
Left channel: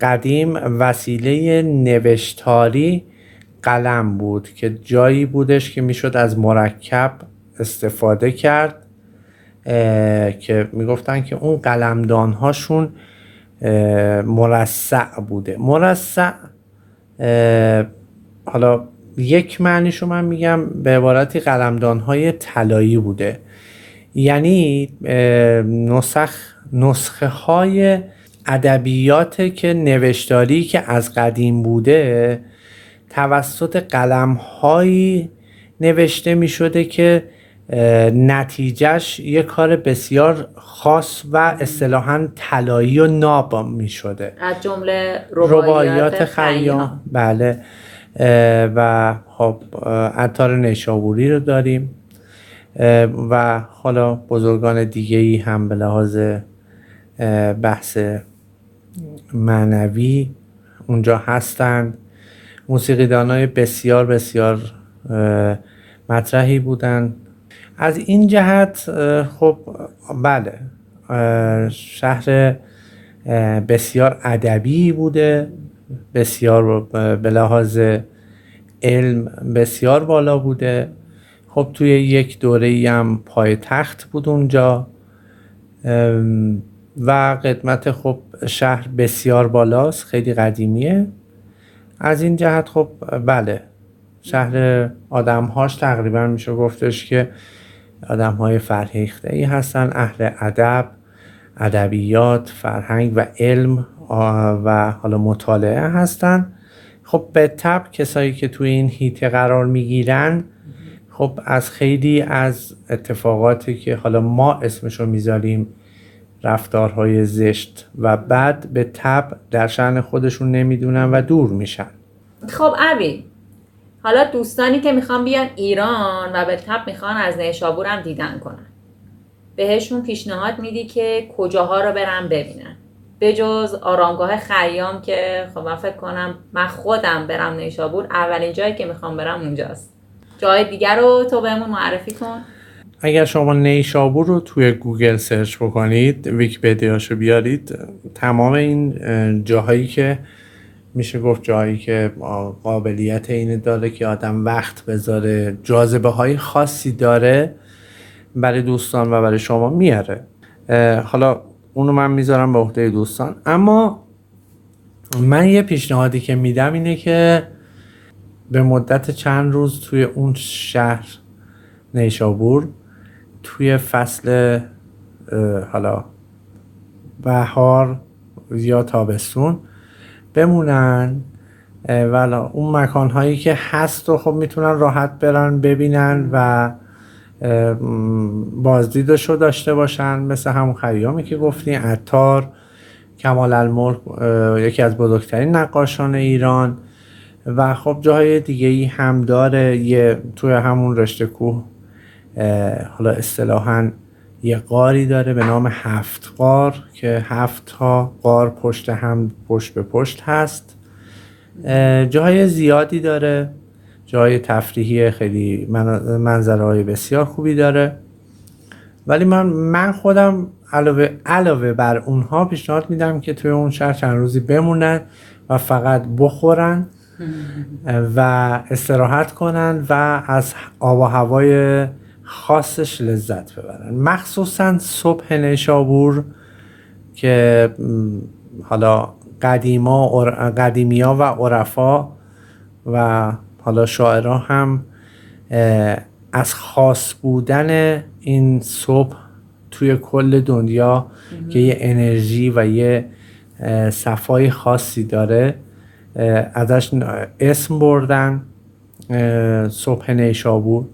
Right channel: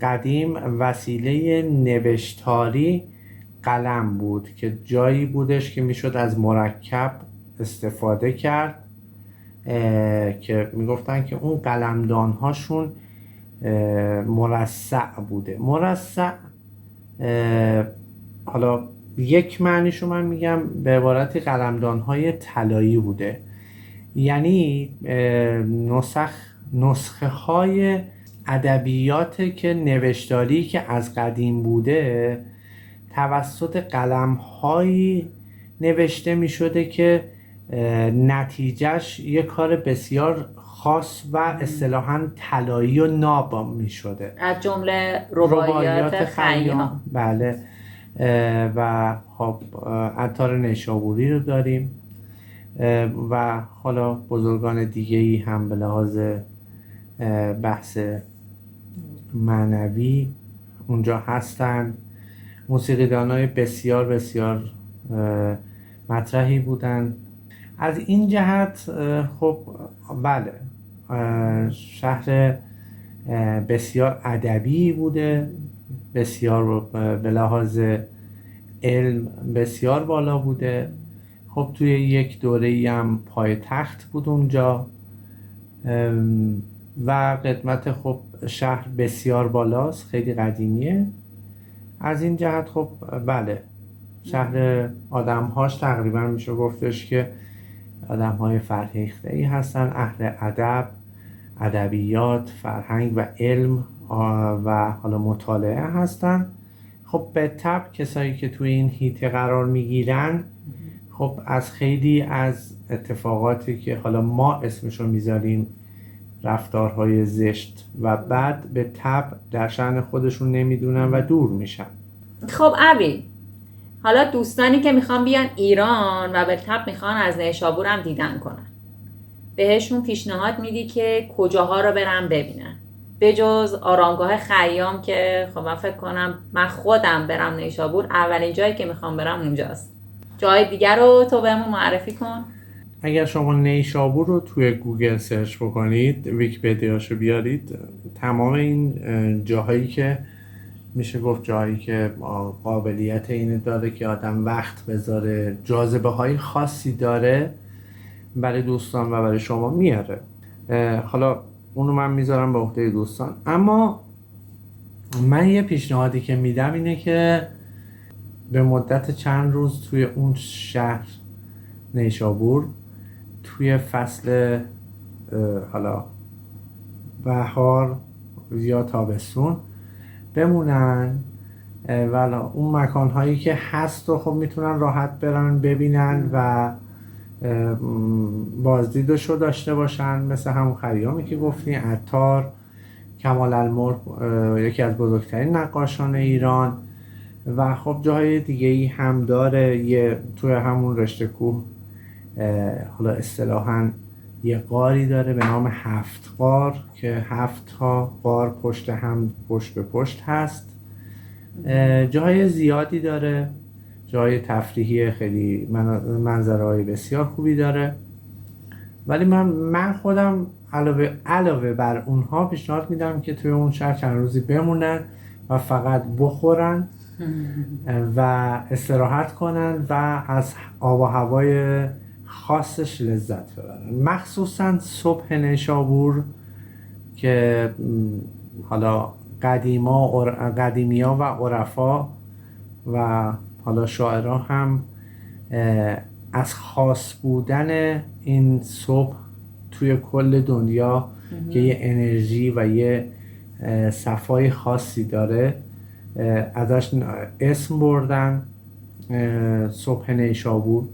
قدیم وسیله نوشتاری قلم بود که جایی بودش که میشد از مرکب استفاده کرد که میگفتن که اون قلمدان هاشون مرصع بوده. مرصع حالا یک معنیشو من میگم به عبارتی قلمدان های طلایی بوده، یعنی نسخه های ادبیات که نوشتاری که از قدیم بوده توسط قلم‌هایی نوشته می‌شده که نتیجهش یه کار بسیار خاص و اصطلاحاً طلایی و ناب می شده. از جمله رباعیات خیام. بله. و خب عطار نیشابوری رو داریم و حالا بزرگان دیگه‌ای هم به لحاظ بحث معنوی اونجا هستند. موسیقیدانای بسیار بسیار مطرحی بودن. از این جهت خب بله شهر بسیار ادبی بوده، بسیار به لحاظ علم بسیار بالا بوده. خب توی یک دوره‌ای هم پایتخت بود اونجا و قدمت خب شهر بسیار بالاست، خیلی قدیمیه. از این جهت خب بله شهر آدم‌هاش تقریبا میشه گفتش که آدم‌های فرهیخته‌ای هستن، اهل ادب، ادبیات، فرهنگ و علم و حالا مطالعه هستن. خب به طبع کسایی که توی این هیته قرار میگیرن خب از خیلی از اتفاقاتی که حالا ما اسمشو میذاریم رفتارهای زشت و بد به طبع در شأن خودشون نمیدونن و دور میشن. خب ابی، حالا دوستانی که میخوان بیان ایران و به طبع میخوان از نیشابور هم دیدن کنن، بهشون پیشنهاد میدی که کجاها رو برن ببینن؟ به جز آرامگاه خیام که خب من فکر کنم من خودم برم نیشابور اولین جایی که میخوام برم اونجاست. جای دیگر رو تو بهمون معرفی کن. اگر شما نیشابور رو توی گوگل سرچ بکنید، ویکی‌پدیاشو بیارید، تمام این جاهایی که میشه گفت جایی که قابلیت اینه داره که آدم وقت بذاره، جاذبه های خاصی داره برای دوستان و برای شما میاره. حالا اونو من میذارم به عهده دوستان. اما من یه پیشنهادی که میدم اینه که به مدت چند روز توی اون شهر نیشابور توی فصل حالا بهار یا تابستون بمونن و اون مکانهایی که هست و خب میتونن راحت برن ببینن و بازدیدشو داشته باشن، مثل همون خیامی که گفتین، عطار، کمال الملک یکی از بزرگترین نقاشان ایران و خب جاهای دیگه‌ای هم داره. یه توی همون رشته کوه حالا اصطلاحاً یه غاری داره به نام 7 غار که 7 تا غار پشت هم پشت به پشت هست. جاهای زیادی داره، جای تفریحی خیلی منظرهای بسیار خوبی داره. ولی من خودم علاوه بر اونها پیشنهاد میدم که توی اون شهر چند روزی بمونن و فقط بخورن و استراحت کنن و از آب و هوای خاصش لذت ببرن، مخصوصا صبح نیشابور که حالا قدیمیا و عرفا و حالا شاعرها هم از خاص بودن این صبح توی کل دنیا که یه انرژی و یه صفای خاصی داره ازش اسم بردن، صبح نیشابور،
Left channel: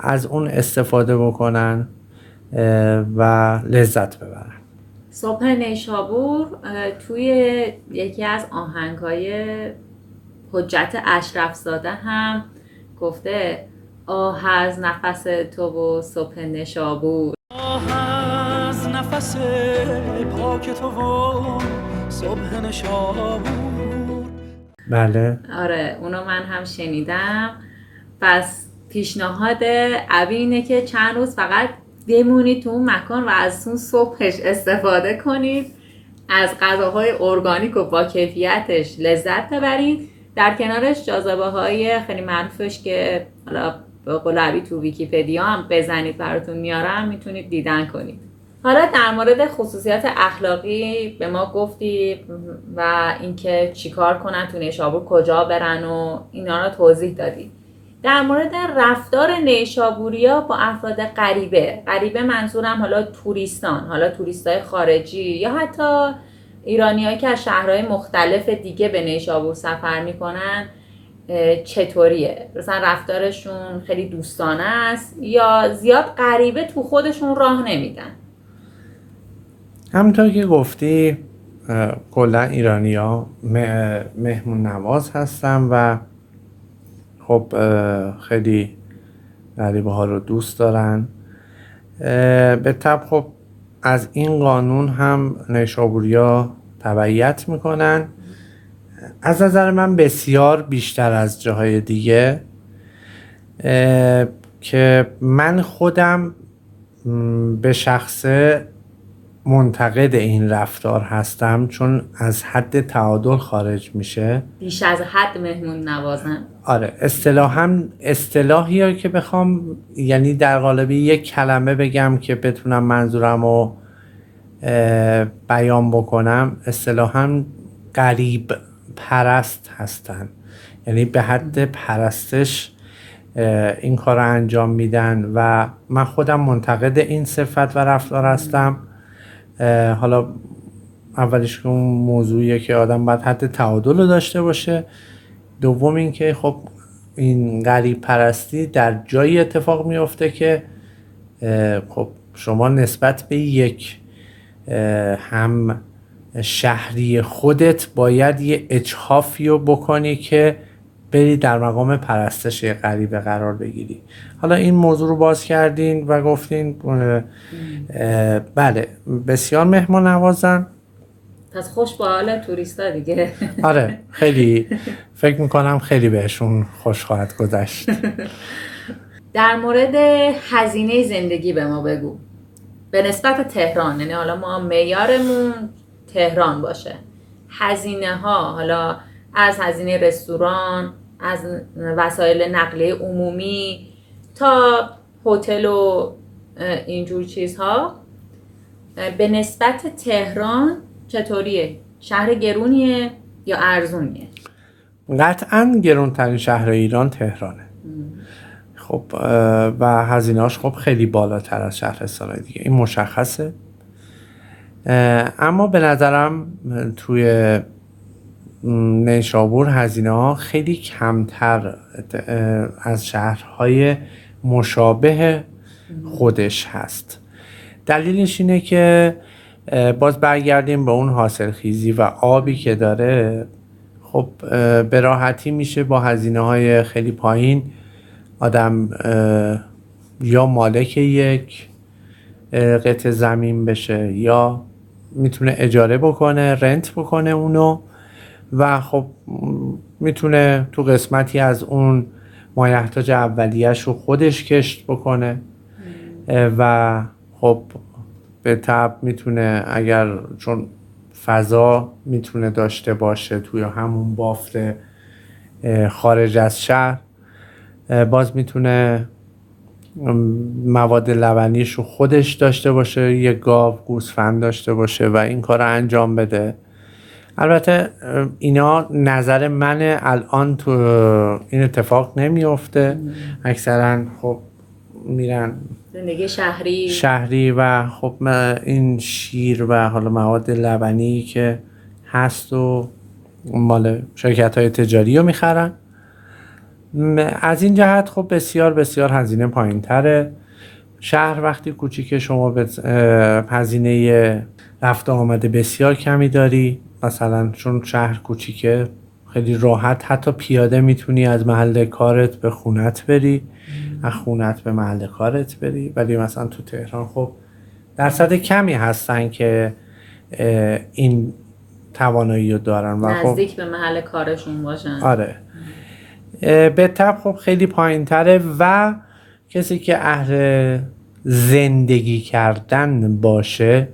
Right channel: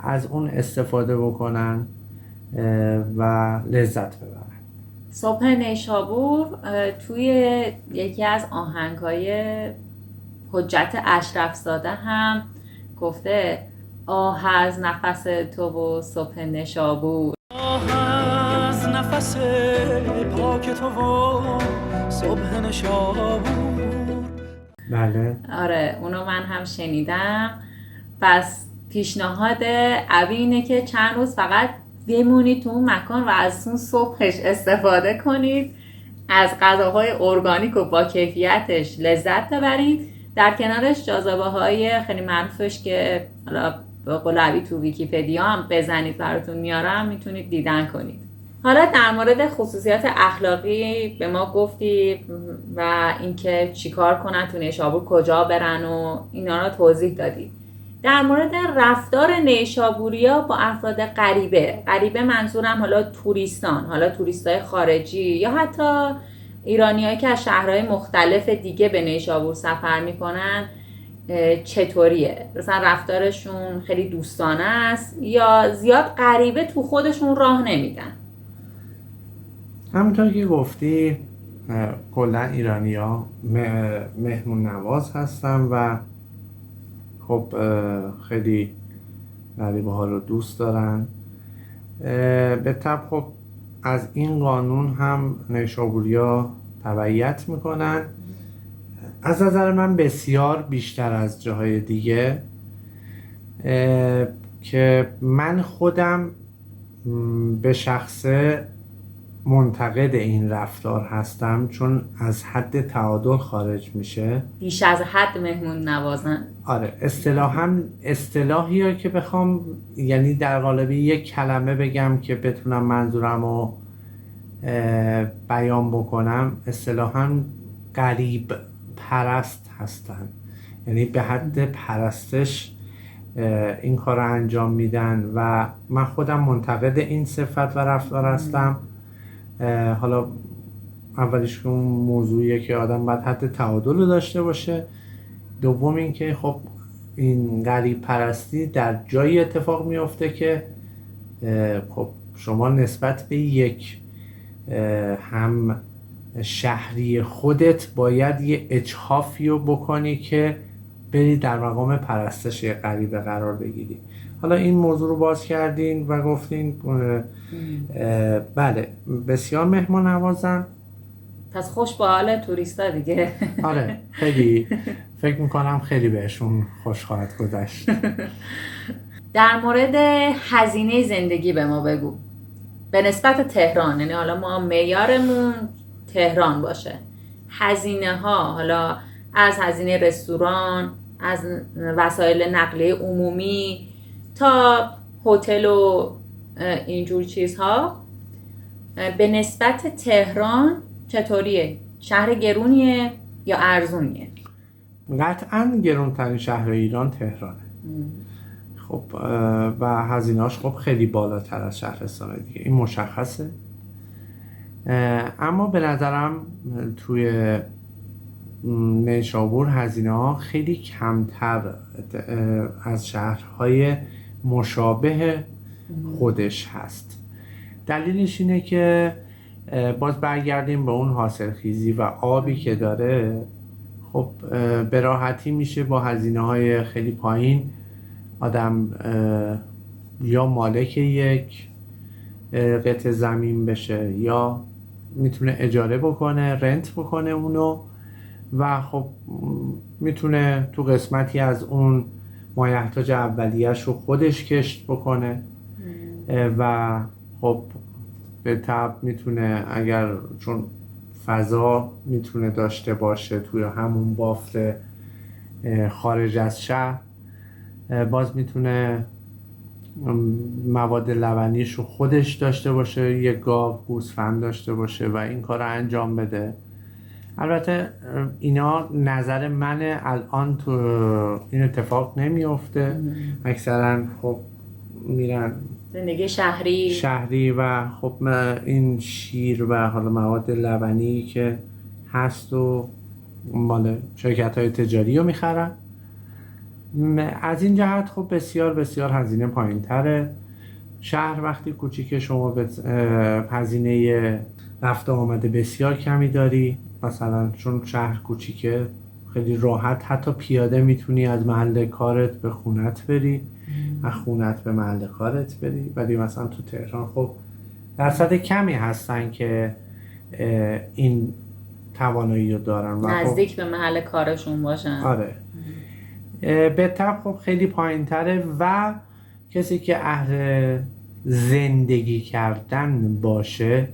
از اون استفاده بکنن و لذت ببرن. صبح نیشابور توی یکی از آهنگ‌های حجت اشرفزاده هم گفته آه از نفس تو و صبح نیشابور، آه از نفس پاک تو و صبح نیشابور. بله آره اونو من هم شنیدم. پس پیشنهاد ابی اینه که چند روز فقط بمونید تو اون مکان و از اون صبحش استفاده کنید، از غذاهای ارگانیک و با کیفیتش لذت ببرید. در کنارش جاذبه‌های خیلی معروفش که حالا به قول ابی تو ویکی‌پدیا هم بزنید براتون میارم، میتونید دیدن کنید. حالا در مورد خصوصیات اخلاقی به ما گفتی و اینکه چیکار کنن تو نیشابور، کجا برن و اینا رو توضیح دادی. در مورد رفتار نیشابوریا با افراد غریبه منظورم حالا توریستان، حالا توریستای خارجی یا حتی ایرانیایی که از شهرهای مختلف دیگه به نیشابور سفر میکنن، چطوریه؟ مثلا رفتارشون خیلی دوستانه است یا زیاد غریبه تو خودشون راه نمیدن؟ همونطور که گفتی کلا ایرانی‌ها مهمون نواز هستن و خب خیلی غریبه ها رو دوست دارن. به طب خب از این قانون هم نیشابوریا تبعیت میکنن، از نظر من بسیار بیشتر از جاهای دیگه، که من خودم به شخصه منتقد این رفتار هستم، چون از حد تعادل خارج میشه. بیش از حد مهمون نوازن. آره، اصطلاحی که بخوام یعنی در قالب یک کلمه بگم که بتونم منظورم رو بیان بکنم، اصطلاحاً غریب پرست هستن، یعنی به حد پرستش این کار رو انجام میدن و من خودم منتقد این صفت و رفتار هستم. حالا اولیش که اون موضوعیه که آدم باید حد تعادل رو داشته باشه، دوم این که خب این غریب پرستی در جایی اتفاق میفته که خب شما نسبت به یک هم شهری خودت باید یه اجحافی رو بکنی که بری در مقام پرستش غریبه قرار بگیری. حالا این موضوع رو باز کردین و گفتین بله بسیار مهمان نوازن، پس خوش به حال توریستا دیگه. آره خیلی فکر میکنم خیلی بهشون خوش خواهد گذشت. در مورد هزینه زندگی به ما بگو به نسبت تهران، یعنی حالا ما معیارمون تهران باشه، هزینه ها حالا از هزینه رستوران، از وسایل نقلیه عمومی تا هتل و اینجور چیزها، به نسبت تهران چطوریه؟ شهر گرونیه یا ارزونیه؟ قطعاً گرونترین شهر ایران تهرانه. خب و هزینه‌اش خب خیلی بالاتر از شهرستان‌های دیگه، این مشخصه. اما به نظرم توی نیشابور هزینه‌ها خیلی کمتر از شهرهای مشابه خودش هست. دلیلش اینه که باز برگردیم به اون حاصلخیزی و آبی که داره. خب به راحتی میشه با هزینه‌های خیلی پایین آدم یا مالک یک قطعه زمین بشه یا میتونه اجاره بکنه، رنت بکنه اونو، و خب میتونه تو قسمتی از اون مایحتاج اولیه‌اش رو خودش کشت بکنه و خب به طب میتونه، اگر چون فضا میتونه داشته باشه توی همون بافت خارج از شهر، باز میتونه مواد لبنیش رو خودش داشته باشه، یه گاو گوسفند داشته باشه و این کار رو انجام بده. البته اینا نظر منه، الان تو این اتفاق نمیفته، اکثرا خب میرن زندگی شهری و خب این شیر و حالا مواد لبنی که هست و مال شرکت‌های تجاری رو میخرن. از این جهت خب بسیار بسیار هزینه پایین تره. شهر وقتی کوچیکه شما به هزینه رفت آمده بسیار کمی داری، مثلا چون شهر کوچیکه خیلی راحت حتی پیاده میتونی از محل کارت به خونت بری، از خونت به محل کارت بری. ولی مثلا تو تهران خب درصد کمی هستن که این توانایی رو دارن و نزدیک به محل کارشون باشن. آره به طب خب خیلی پایین تره و کسی که اهل زندگی کردن باشه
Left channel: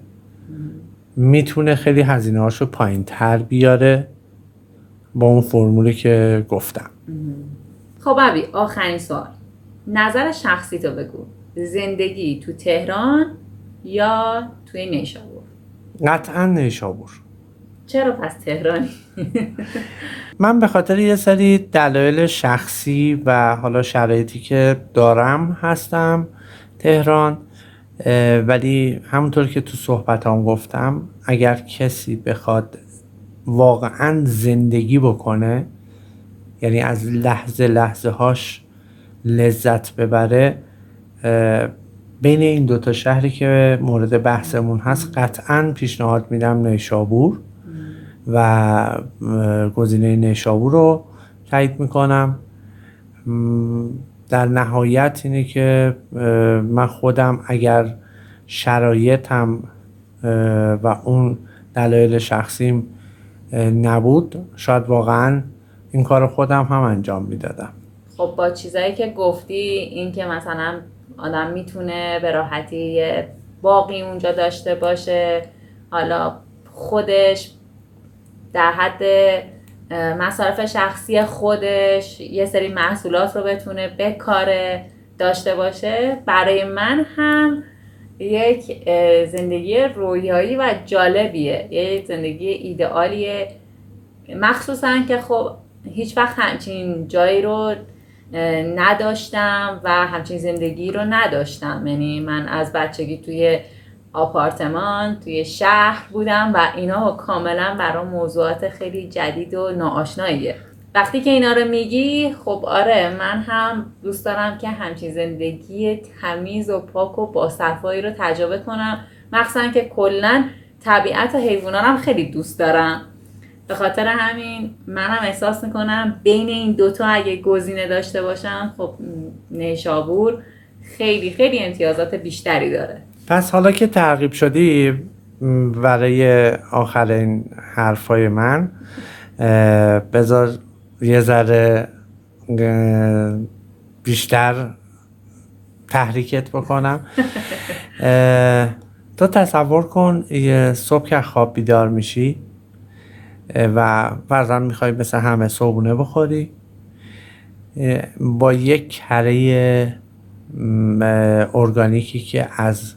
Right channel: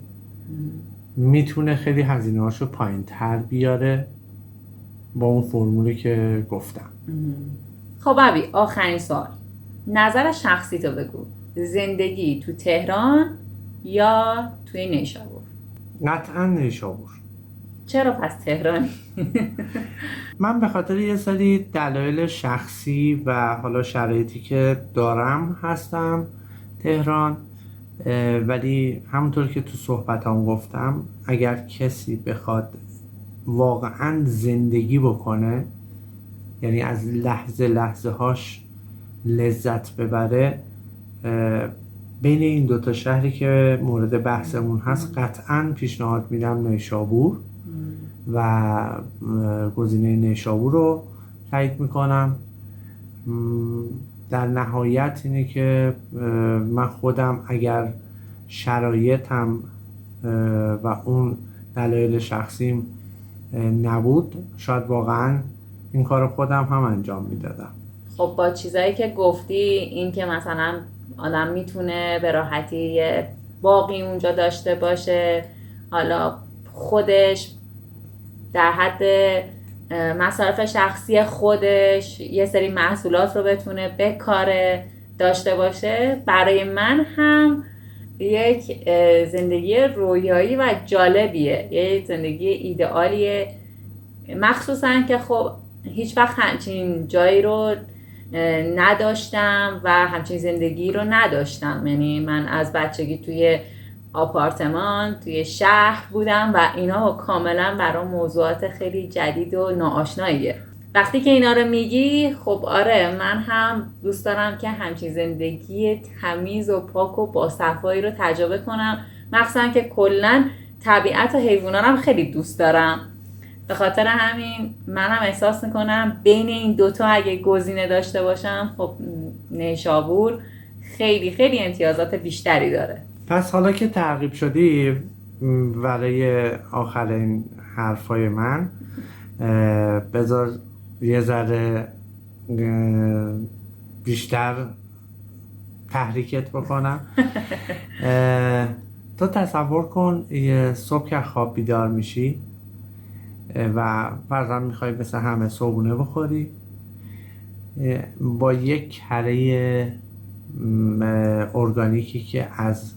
میتونه خیلی هزینه هاشو پایین تر بیاره با اون فرمولی که گفتم. خب ابی آخرین سوال، نظر شخصی تو بگو، زندگی تو تهران یا توی نیشابور؟ قطعا نیشابور. چرا پس تهرانی؟ من به خاطر یه سری دلایل شخصی و حالا شرایطی که دارم هستم تهران، ولی همونطور که تو صحبتام گفتم اگر کسی بخواد واقعا زندگی بکنه یعنی از لحظه هاش لذت ببره، بین این دوتا شهری که مورد بحثمون هست قطعاً پیشنهاد میدم نیشابور و گزینه نیشابور رو تایید میکنم. در نهایت اینه که من خودم اگر شرایطم و اون دلایل شخصیم نبود، شاید واقعا این کار خودم هم انجام میدادم. خب با چیزایی که گفتی، این که مثلا آدم میتونه به راحتی یه باقی اونجا داشته باشه، حالا خودش در حد مصارف شخصی خودش یه سری محصولات رو بتونه بکاره داشته باشه، برای من هم یک زندگی رویایی و جالبیه، یه زندگی ایدئالیه، مخصوصا که خب هیچ وقت همچین جایی رو نداشتم و همچین زندگی رو نداشتم. یعنی من از بچگی توی آپارتمان توی شهر بودم و اینا کاملا برام موضوعات خیلی جدید و ناآشناییه. وقتی که اینا رو میگی، خب آره من هم دوست دارم که همچین زندگی تمیز و پاک و باصفایی رو تجربه کنم، مخصوصا که کلا طبیعت و حیوانات هم خیلی دوست دارم. به خاطر همین منم احساس میکنم بین این دوتا اگه گزینه داشته باشم، خب نیشابور خیلی خیلی امتیازات بیشتری داره. پس حالا که ترغیب شدی برای آخرین حرفای من، بذار یه ذره بیشتر تحریکت بکنم. تو تصور کن یه صبح که خواب بیدار میشی و فرضاً میخوای مثل همه صبحونه بخوری، با یک کره ارگانیکی که از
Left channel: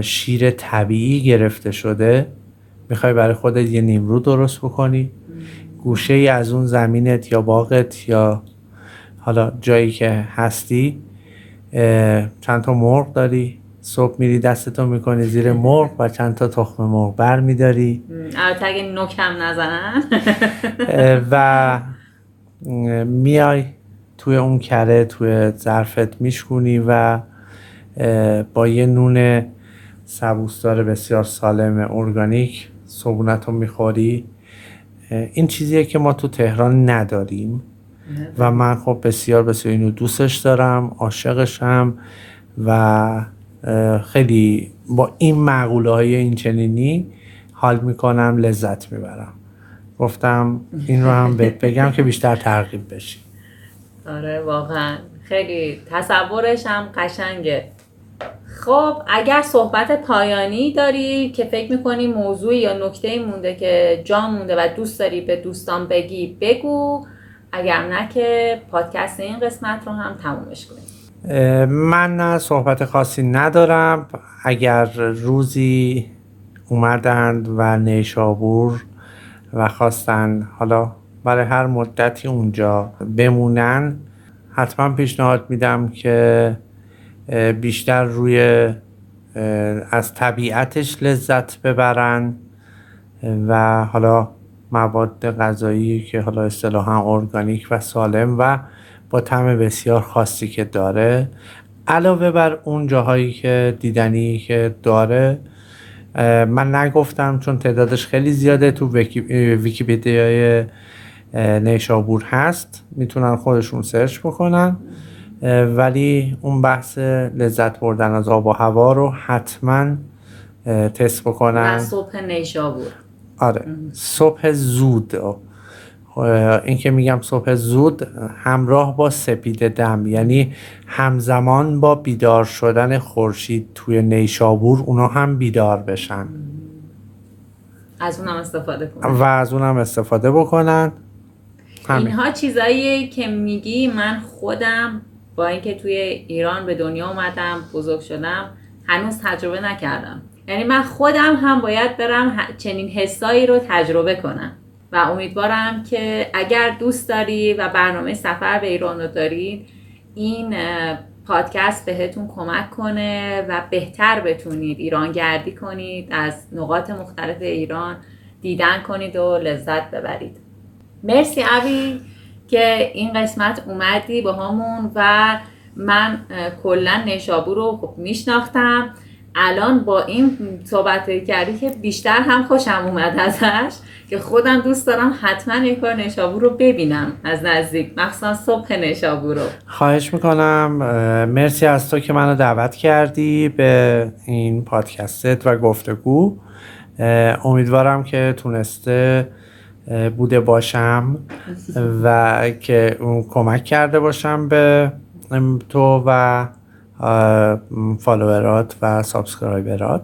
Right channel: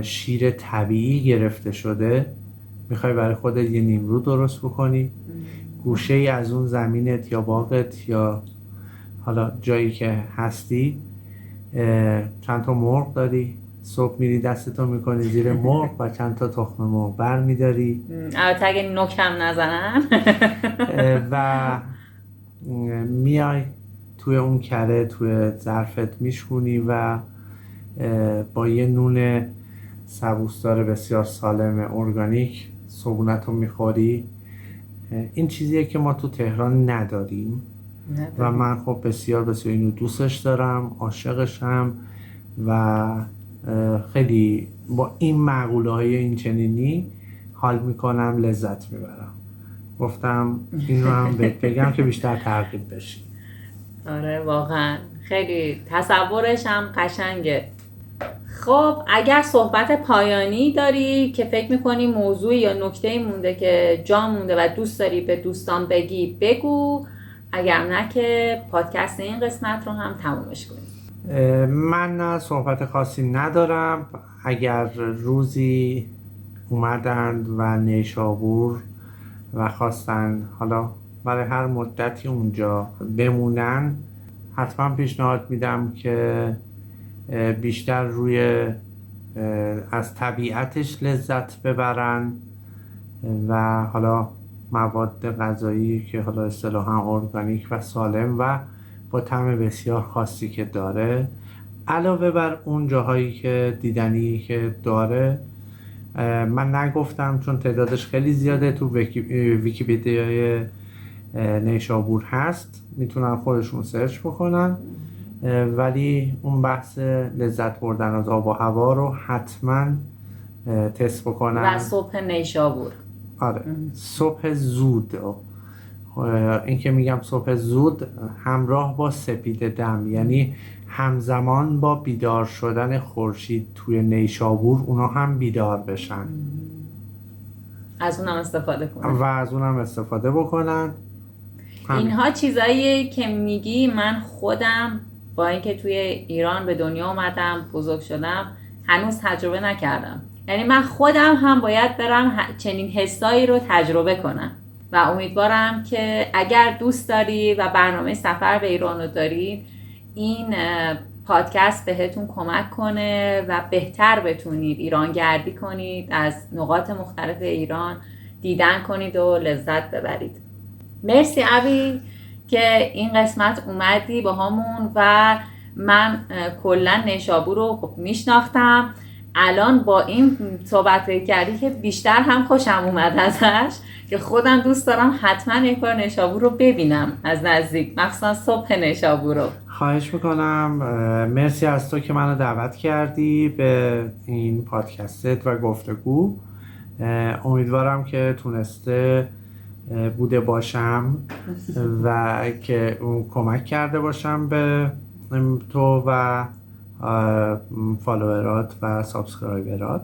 شیر طبیعی گرفته شده میخوای برای خودت یه نیمرو درست بکنی، گوشه ای از اون زمینت یا باغت یا حالا جایی که هستی چند تا مرغ داری، صبح میری دستتو میکنی زیر مرغ و چند تا تخم مرغ بر میداری، البته اگه نوکم نزنن و میای توی اون کره توی ظرفت میشکونی و با یه نون سبوسدار بسیار سالم ارگانیک صبحونتو میخوری. این چیزیه که ما تو تهران نداریم و من خب بسیار بسیار اینو دوستش دارم، عاشقشم و خیلی با این مقوله های این چنینی حال میکنم، لذت میبرم. گفتم این رو هم بگم که بیشتر ترغیب بشی. آره واقعا خیلی تصورش هم قشنگه. خب اگر صحبت پایانی داری که فکر میکنی موضوع یا نکته‌ای مونده که جا مونده و دوست داری به دوستان بگی بگو، اگر نه که پادکست این قسمت رو هم تمومش کنیم. من صحبت خاصی ندارم. اگر روزی اومدند و نیشابور و خواستن حالا برای هر مدتی اونجا بمونن، حتما پیشنهاد میدم که بیشتر روی از طبیعتش لذت ببرن و حالا مواد غذایی که حالا اصطلاحاً ارگانیک و سالم و با طعم بسیار خاصی که داره، علاوه بر اون جاهایی که دیدنی که داره. من نگفتم چون تعدادش خیلی زیاده، تو ویکی‌پدیای نیشابور هست، میتونن خودشون سرچ بکنن، ولی اون بحث لذت بردن از آب و هوا رو حتما تست بکنن. و صبح نیشابور، آره صبح زود. این که میگم صبح زود همراه با سپید دم، یعنی همزمان با بیدار شدن خورشید توی نیشابور اونا هم بیدار بشن، از اونم استفاده کنن و از اونم استفاده بکنن. اینها چیزاییه که میگی من خودم با اینکه توی ایران به دنیا اومدم بزرگ شدم هنوز تجربه نکردم. یعنی من خودم هم باید برم چنین حسایی رو تجربه کنم و امیدوارم که اگر دوست داری و برنامه سفر به ایران رو دارید، این پادکست بهتون کمک کنه و بهتر بتونید ایران گردی کنید، از نقاط مختلف ایران دیدن کنید و لذت ببرید. مرسی ابی که این قسمت اومدی با همون و من کلا نیشابور رو خب میشناختم. الان با این صحبت کردی که بیشتر هم خوشم اومد ازش که خودم دوست دارم حتما یک بار نیشابور رو ببینم از نزدیک، مخصوصا صبح نیشابور رو. خواهش میکنم. مرسی از تو که منو دعوت کردی به این پادکستت و گفتگو. امیدوارم که تونسته بوده باشم و که کمک کرده باشم به تو و فالوورات و سابسکرایبرات.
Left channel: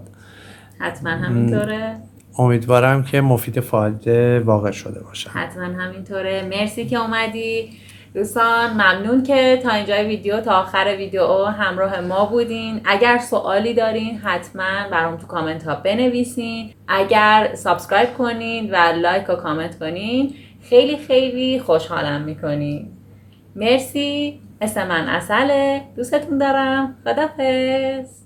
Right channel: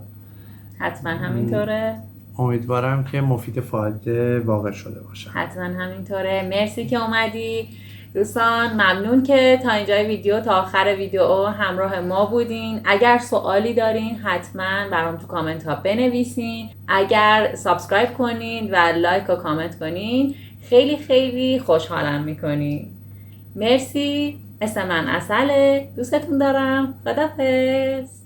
حتما همینطوره. امیدوارم که مفید فایده واقع شده باشه. حتما همینطوره. مرسی که اومدی دوستان. ممنون که تا اینجای ویدیو، تا آخر ویدیو همراه ما بودین. اگر سوالی دارین حتما برام تو کامنت ها بنویسین. اگر سابسکرایب کنین و لایک و کامنت کنین خیلی خیلی خوشحالم میکنین. مرسی. اسم من عسله. دوستتون دارم. خداحافظ.